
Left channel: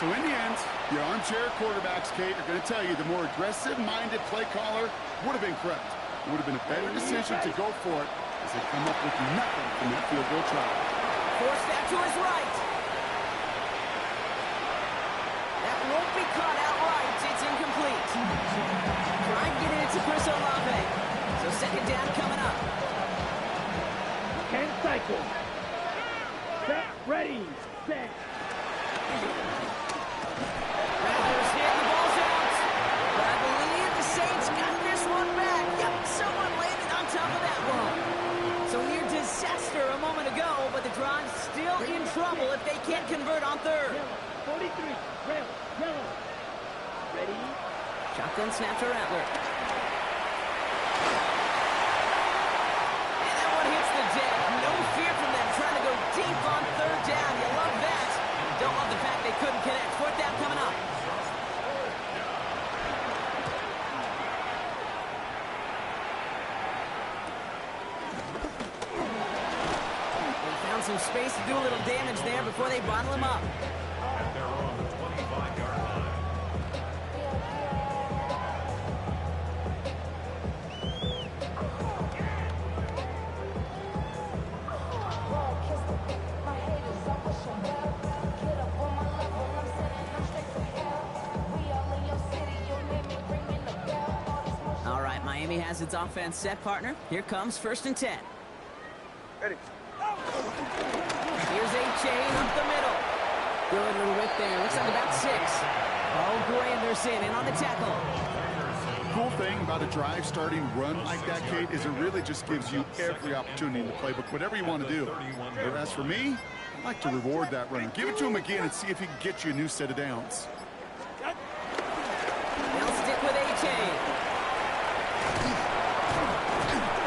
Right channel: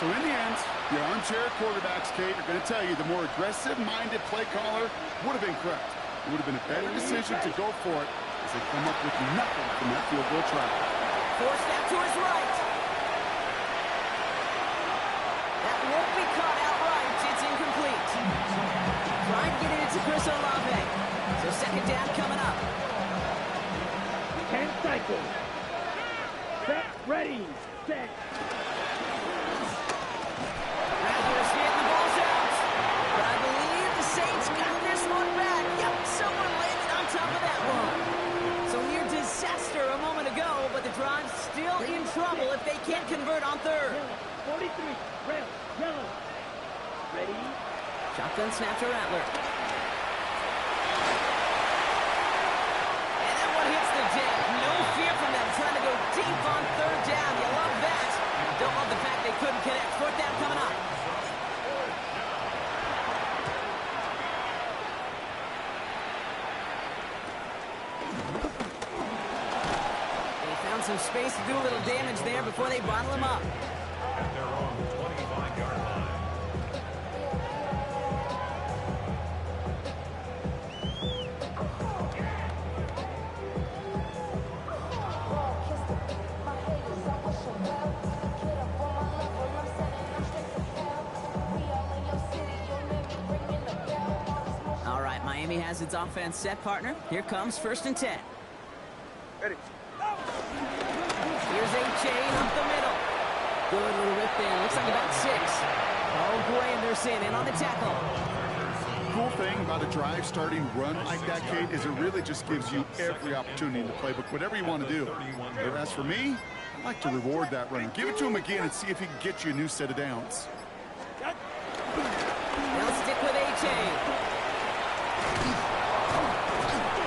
So in the end, the armchair quarterbacks, Kate, are going to tell you the more aggressive-minded play caller would have been correct. It would have been a better decision to go for it as they come up with nothing from that field goal try. Forced out to his right. That won't be caught outright. It's incomplete. Trying to get it to Chris Olave. So second down coming up. 10 cycles. Set, ready, set. Rattlers hit, the ball's out. But I believe the Saints got this one back. Yep, someone landed on top of that one. So near disaster a moment ago, but the drive's still in trouble if they can't convert on third. Yellow, 43, rail, yellow. Ready? Shotgun snap to Rattler. And that one hits the deck. No fear from them trying to go deep on third down. You love that. Don't love the fact they couldn't connect. 4th down coming up. Some space to do a little damage there before they bottle him up. At their own 25-yard line. All right, Miami has its offense set, partner. Here comes 1st and 10. Ready. Here's Achane up the middle. Good little rip there. Looks like about 6. Oh, Granderson in on the tackle. Cool thing about a drive-starting run like that, Kate, is it really just gives you every opportunity in the playbook, whatever you want to do. But as for me, I'd like to reward that runner. Give it to him again and see if he can get you a new set of downs. They'll stick with Achane.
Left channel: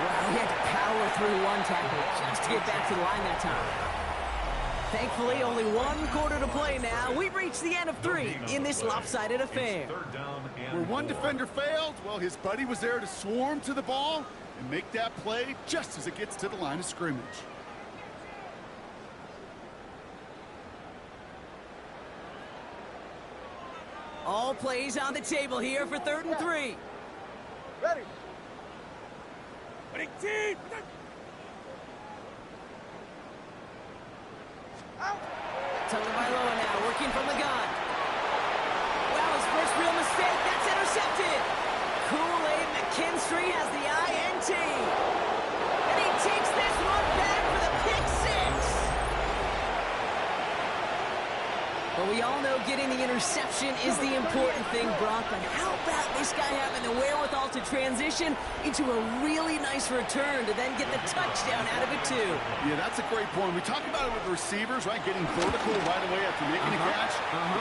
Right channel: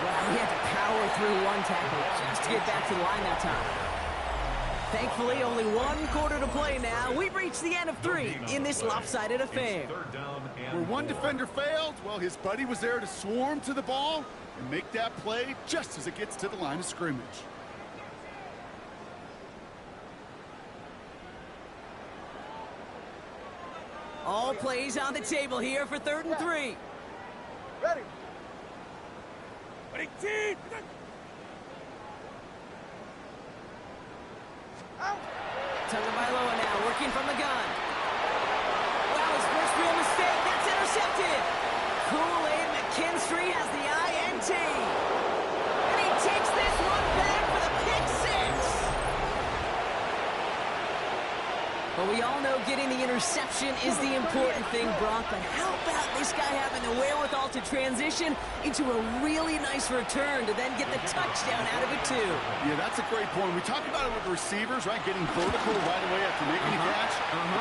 Wow, he had to power through one tackle just to get back to the line that time. Thankfully, only 1 quarter to play now. We've reached the end of 3 in this lopsided affair. Where one defender failed, well, his buddy was there to swarm to the ball and make that play just as it gets to the line of scrimmage. All plays on the table here for 3rd and 3. Ready. Ready, team. Out. Tagovailoa now working from the gun. Wow, his first real mistake. That's intercepted. Kool-Aid McKinstry has the INT. And he takes this one back for the pick 6. Well, we all know getting the interception is the important thing, Brock, but how about this guy having the wherewithal to transition into a really nice return to then get the touchdown out of it, too? Yeah, that's a great point. We talk about it with the receivers, right? Getting vertical right away after making a catch.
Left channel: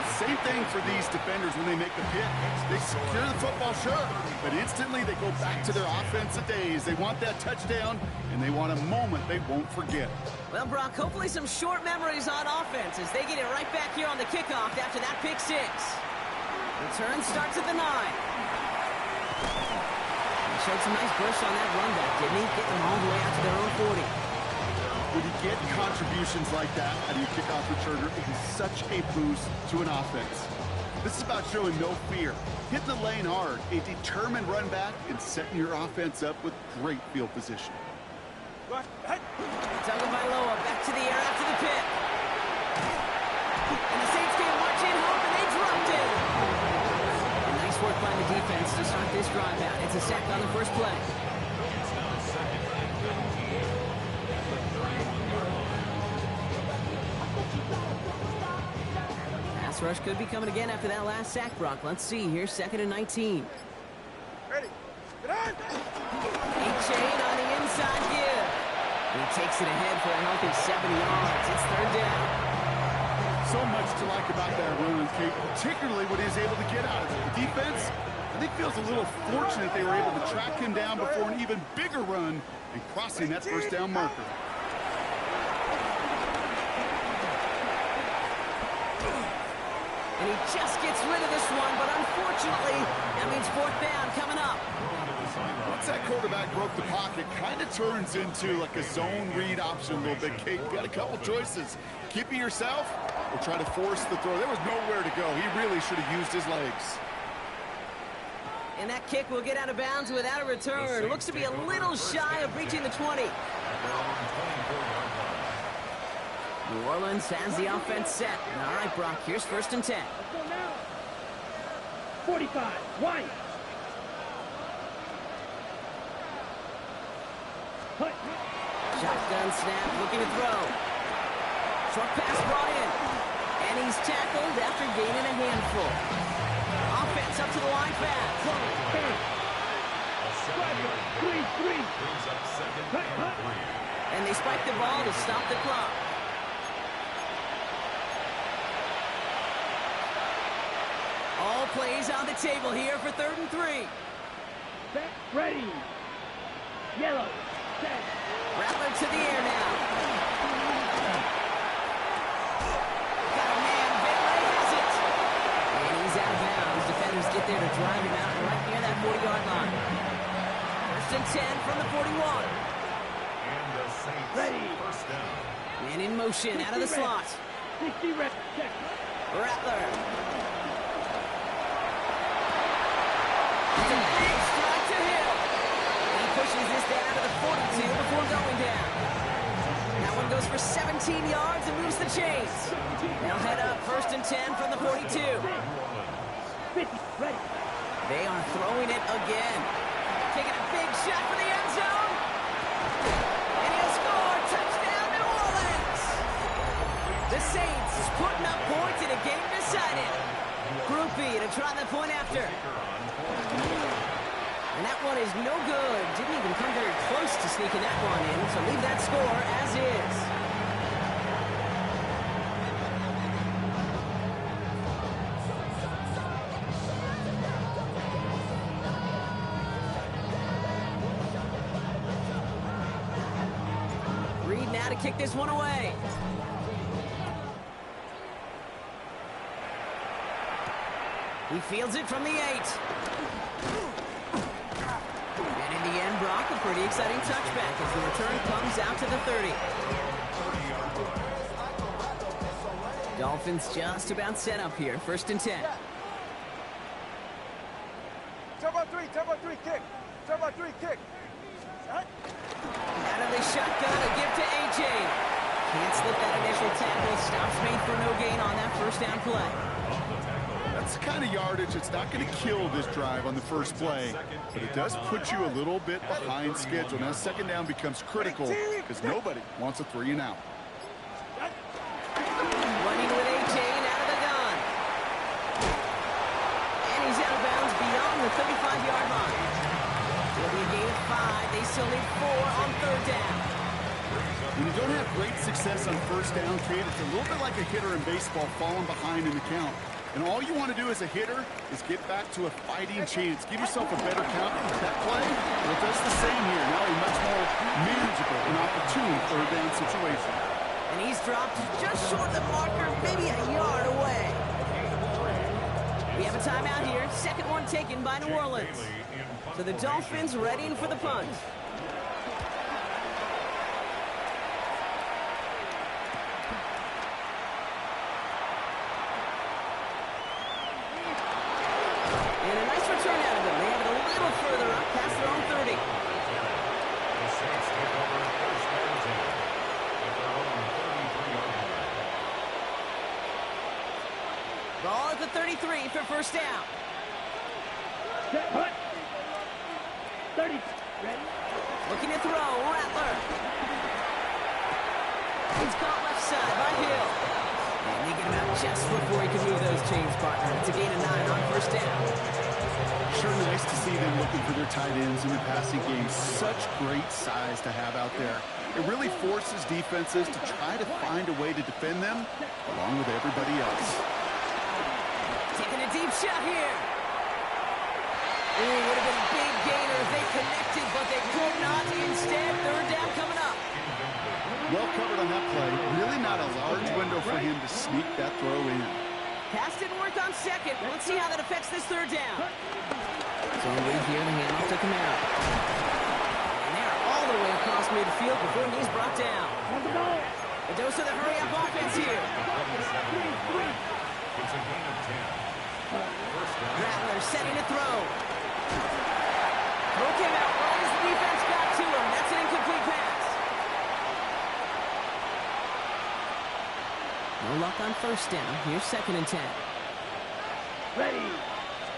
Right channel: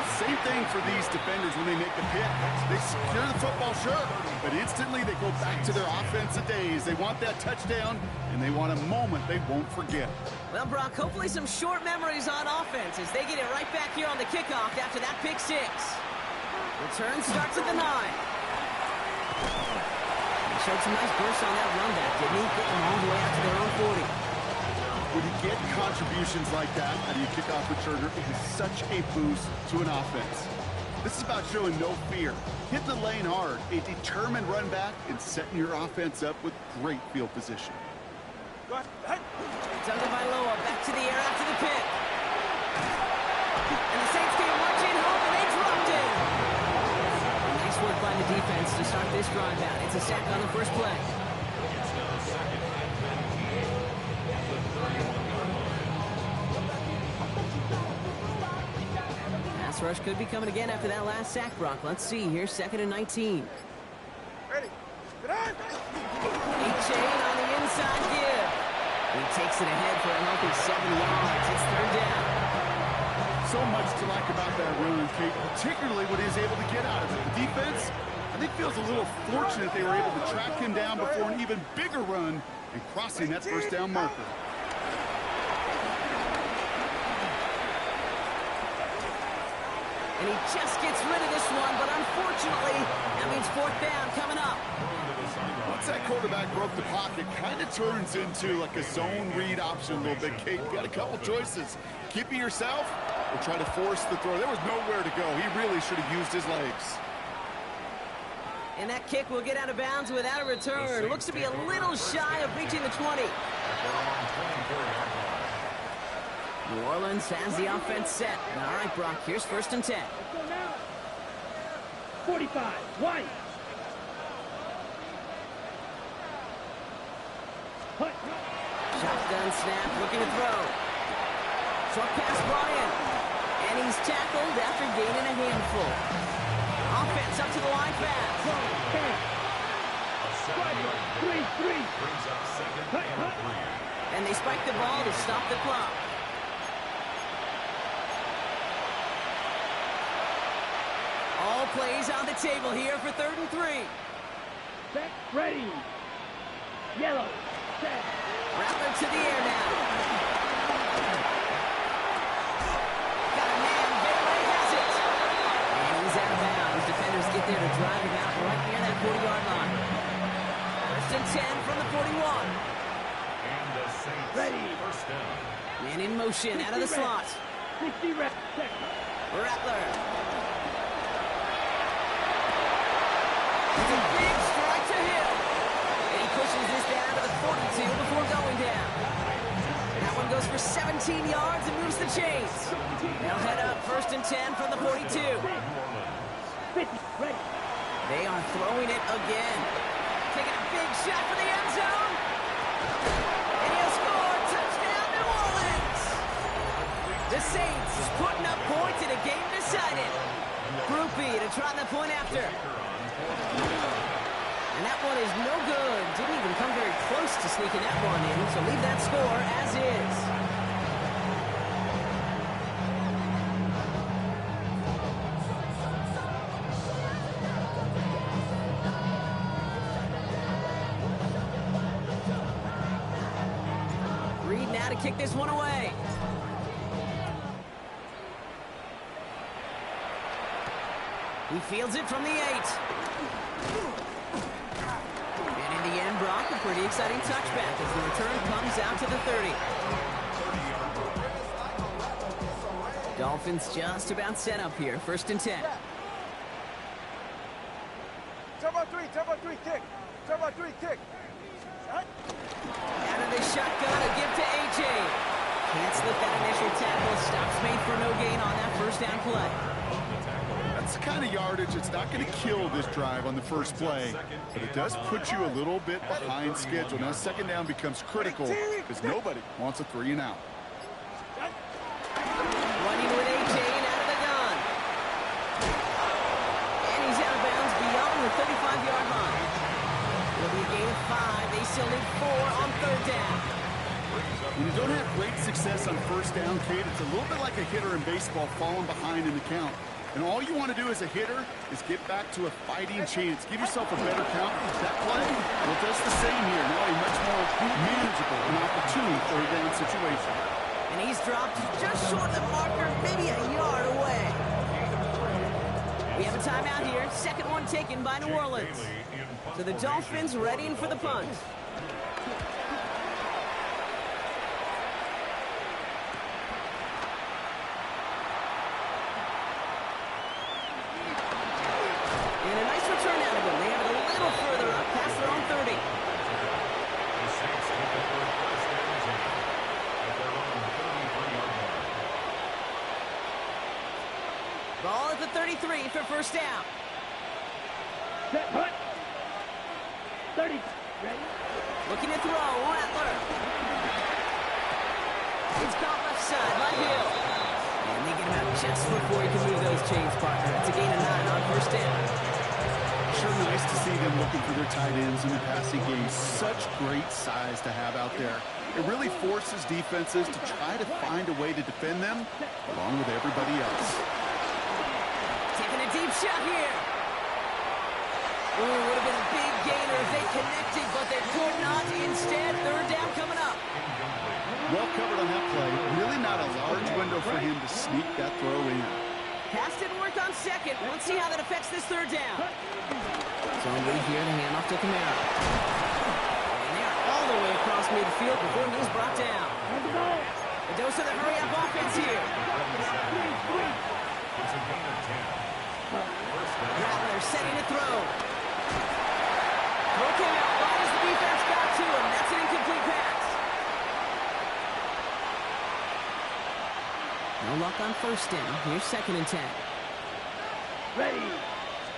Same thing for these defenders when they make the pick. They secure the football, sure, but instantly they go back to their offensive days. They want that touchdown, and they want a moment they won't forget. Well, Brock, hopefully some short memories on offense as they get it right back here on the kickoff after that pick six. Return starts at the 9. He showed some nice bursts on that run back, didn't he? Getting them all the way out to their own 40. When you get contributions like that out of your kickoff returner, it is such a boost to an offense. This is about showing no fear, hitting the lane hard, a determined run back, and setting your offense up with great field position. Tagovailoa back to the air after the pick. And the Saints came marching home, and they dropped it. And nice work by the defense to start this drive out. It's a sack on the first play. It's now 2nd and 19 at the 31-yard line. Pass rush could be coming again after that last sack, Brock. Let's see here, 2nd and 19. Ready. Get on. A-Chain on the inside give. He takes it ahead for a healthy 7 yards. It's 3rd down. So much to like about that run, Kate, particularly what he's able to get out of it. The defense, I think, feels a little fortunate they were able to track him down before an even bigger run and crossing that first down marker. And he just gets rid of this one, but unfortunately, that means 4th down coming up. Once that quarterback broke the pocket, kind of turns into like a zone read option a little bit, Kate. You got a couple choices. Keep it yourself or try to force the throw. There was nowhere to go. He really should have used his legs. And that kick will get out of bounds without a return. Looks to be a little shy of reaching the 20. New Orleans has the offense set. All right, Brock, here's 1st and 10. Let's go now. 45, white. Hut. Shotgun snap, looking to throw. Short pass brought in. And he's tackled after gaining a handful. Offense up to the line fast. A 7-yard gain brings up 2nd and 3. And they spike the ball to stop the clock. All plays on the table here for 3rd and 3. Set, ready. Yellow, set. Rattler to the air now. Got a man, Bailey has it. And he's out of bounds. Defenders get there to drive him out right near that 40-yard line. 1st and 10 from the 41. And the Saints Ready. 1st down. Man in motion out of the slot. 60 reps, set. Rattler. It's a big strike to Hill. And he pushes this down to the 42 before going down. That one goes for 17 yards and moves the chains. They'll head up 1st and 10 from the 42. 50, ready. They are throwing it again. Taking a big shot for the end zone. And he'll score. Touchdown, New Orleans. The Saints putting up points in a game decided. Groupie to try the point after. And that one is no good. Didn't even come very close to sneaking that one in, so leave that score as is. Reed now to kick this one away. He fields it from the 8. And in the end, Brock, a pretty exciting touchback as the return comes out to the 30. Dolphins just about set up here. 1st and 10. Turbo 3, kick. Turbo 3, kick. Out of the shotgun, a give to A.J. Can't slip that initial tackle. Stops made for no gain on that 1st down play. That's the kind of yardage it's not going to kill this drive on the first play, but it does put you a little bit behind schedule. Now 2nd down becomes critical because nobody wants a 3 and out. Running with A.J. and out of the gun. beyond the 35-yard line. It'll be a gain of 5. They still need 4 on third down. When you don't have great success on first down, Kate, it's a little bit like a hitter in baseball falling behind in the count. And all you want to do as a hitter is get back to a fighting chance. Give yourself a better count. That play, well, it does the same here. Now a much more manageable and opportune third down situation. And he's dropped just short of the marker, maybe a yard away. We have a timeout here. Second one taken by New Orleans. So the Dolphins readying for the punt. And a nice return out of them. They have it a little further up, past their own 30. The Saints take over first and 10 at their own 33-yard line. Ball at the 33 for first down. Set, punt. 30. Ready? Looking to throw, Rattler. It's caught left side by Hill. And they get him out just before he can move those chains, partner. It's a gain of 9 on first down. Sure nice to see them looking for their tight ends in the passing game. Such great size to have out there. It really forces defenses to try to find a way to defend them along with everybody else. Taking a deep shot here. Ooh, would have been a big gainer if they connected, but they could not. Instead, third down coming up. Well covered on that play. Really not a large window for him to sneak that throw in. Pass didn't work on second. Let's see how that affects this third down. Zone read here, the handoff to Kamara. And they're all the way across midfield before he's brought down. A dose of the hurry-up offense here. It's a gain of 10. Rattler setting to throw. Throw came out right as the defense got to him. That's an incomplete pass. No luck on first down. Here's second and 10. Ready.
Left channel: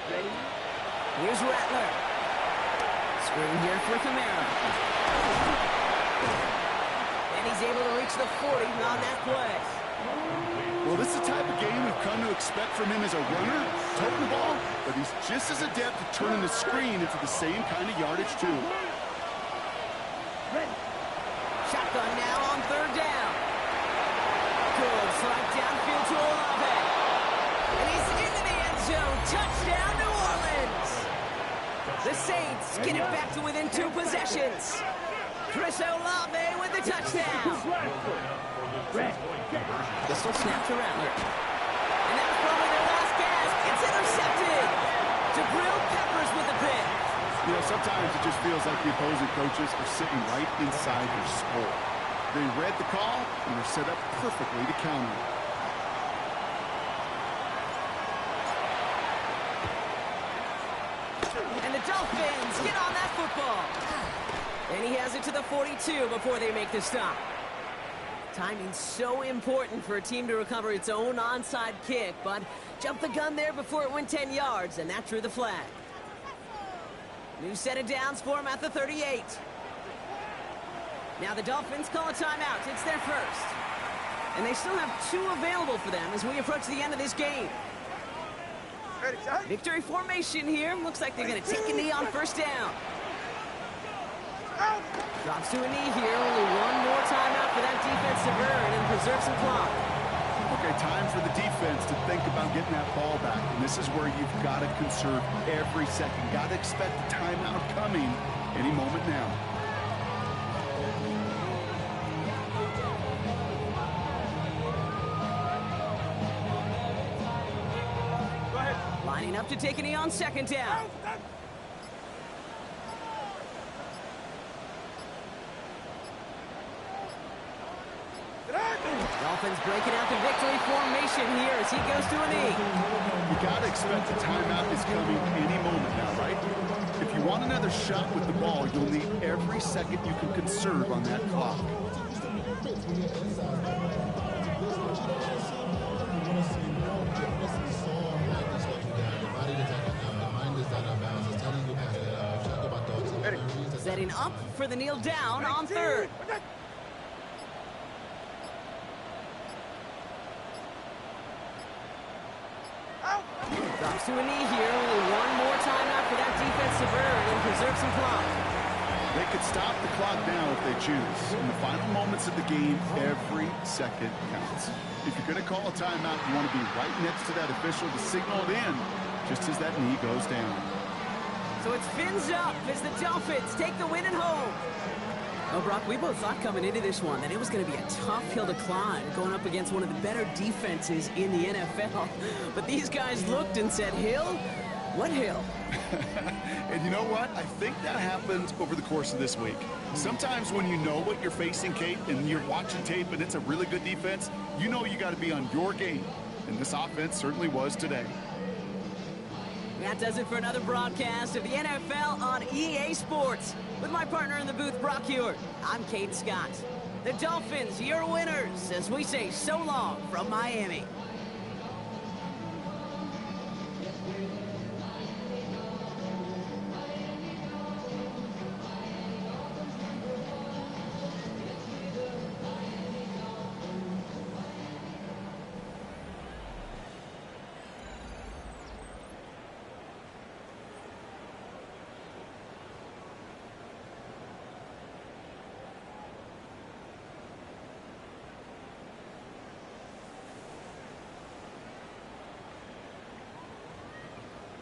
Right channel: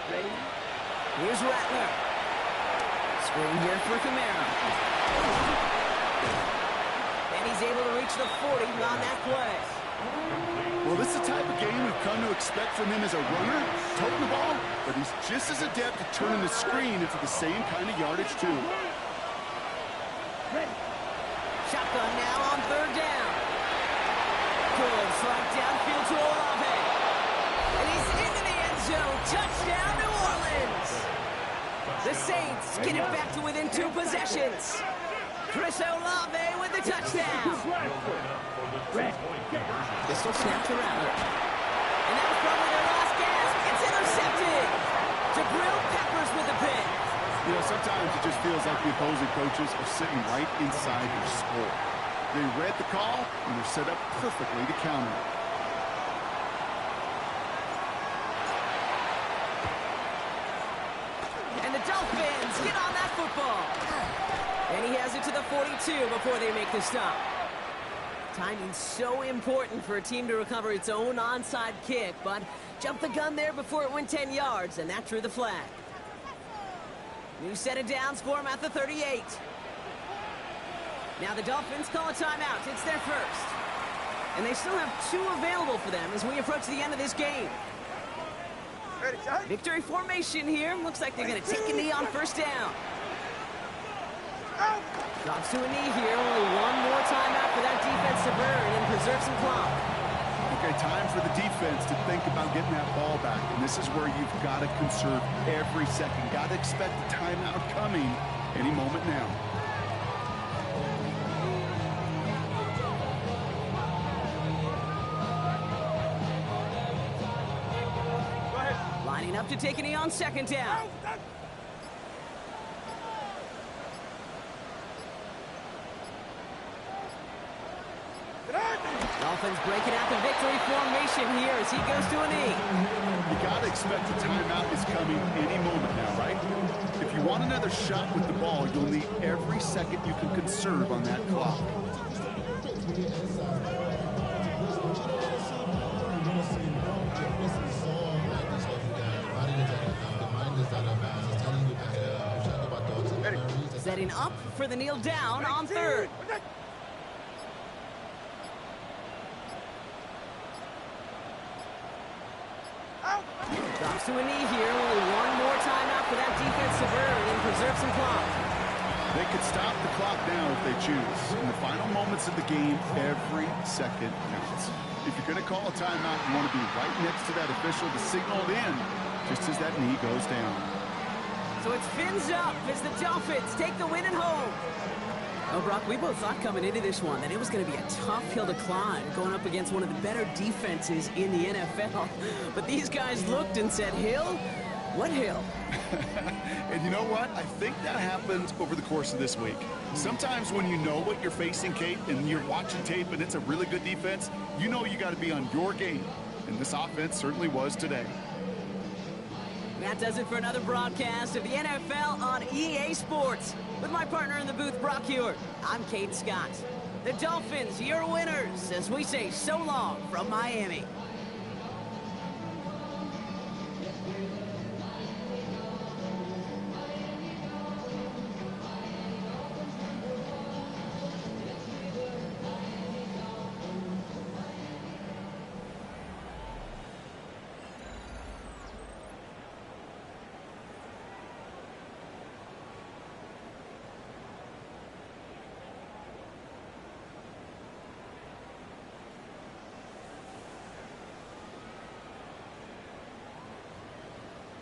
Ready. Here's Rattler. Screen here for Kamara. And he's able to reach the 40 on that play. Well, this is the type of game we've come to expect from him as a runner, toting the ball, but he's just as adept at turning the screen into the same kind of yardage, too. Ready. Shotgun now on third down. Good strike downfield to Olave. And he's into the end zone. Touchdown, New Orleans. The Saints get it back to within 2 possessions. Chris Olave with the touchdown. Pistol snap to Rattler. And that was probably their last gasp. It's intercepted. Jabril Peppers with the pick. You know, sometimes it just feels like the opposing coaches are sitting right inside your skull. They read the call, and they're set up perfectly to counter it. And the Dolphins get on that football. And he has it to the 42 before they make the stop. Timing's so important for a team to recover its own onside kick, but jumped the gun there before it went 10 yards, and that drew the flag. New set of downs for him at the 38. Now the Dolphins call a timeout. It's their first. And they still have 2 available for them as we approach the end of this game. Victory formation here. Looks like they're going to take a knee on first down. Drops to a knee here. Only one more timeout for that defense to burn and preserve some clock. Okay, time for the defense to think about getting that ball back. And this is where you've got to conserve every second. Got to expect the timeout coming any moment now. Lining up to take a knee on second down. Dolphins breaking out the victory formation here as he goes to a knee. You got to expect the timeout is coming any moment now, right? If you want another shot with the ball, you'll need every second you can conserve on that clock. Setting up for the kneel down on third. Comes to a knee here. Only one more timeout for that defense to burn and preserve some clock. They could stop the clock now if they choose. In the final moments of the game, every second counts. If you're going to call a timeout, you want to be right next to that official to signal it in, just as that knee goes down. So it's fins up as the Dolphins take the win at home. Well, Brock, we both thought coming into this one that it was going to be a tough hill to climb, going up against one of the better defenses in the NFL. But these guys looked and said, hill? What hill? And you know what? I think that happened over the course of this week. Sometimes when you know what you're facing, Kate, and you're watching tape and it's a really good defense, you know you got to be on your game. And this offense certainly was today. That does it for another broadcast of the NFL on EA Sports. With my partner in the booth, Brock Hewitt, I'm Kate Scott. The Dolphins, your winners, as we say so long from Miami.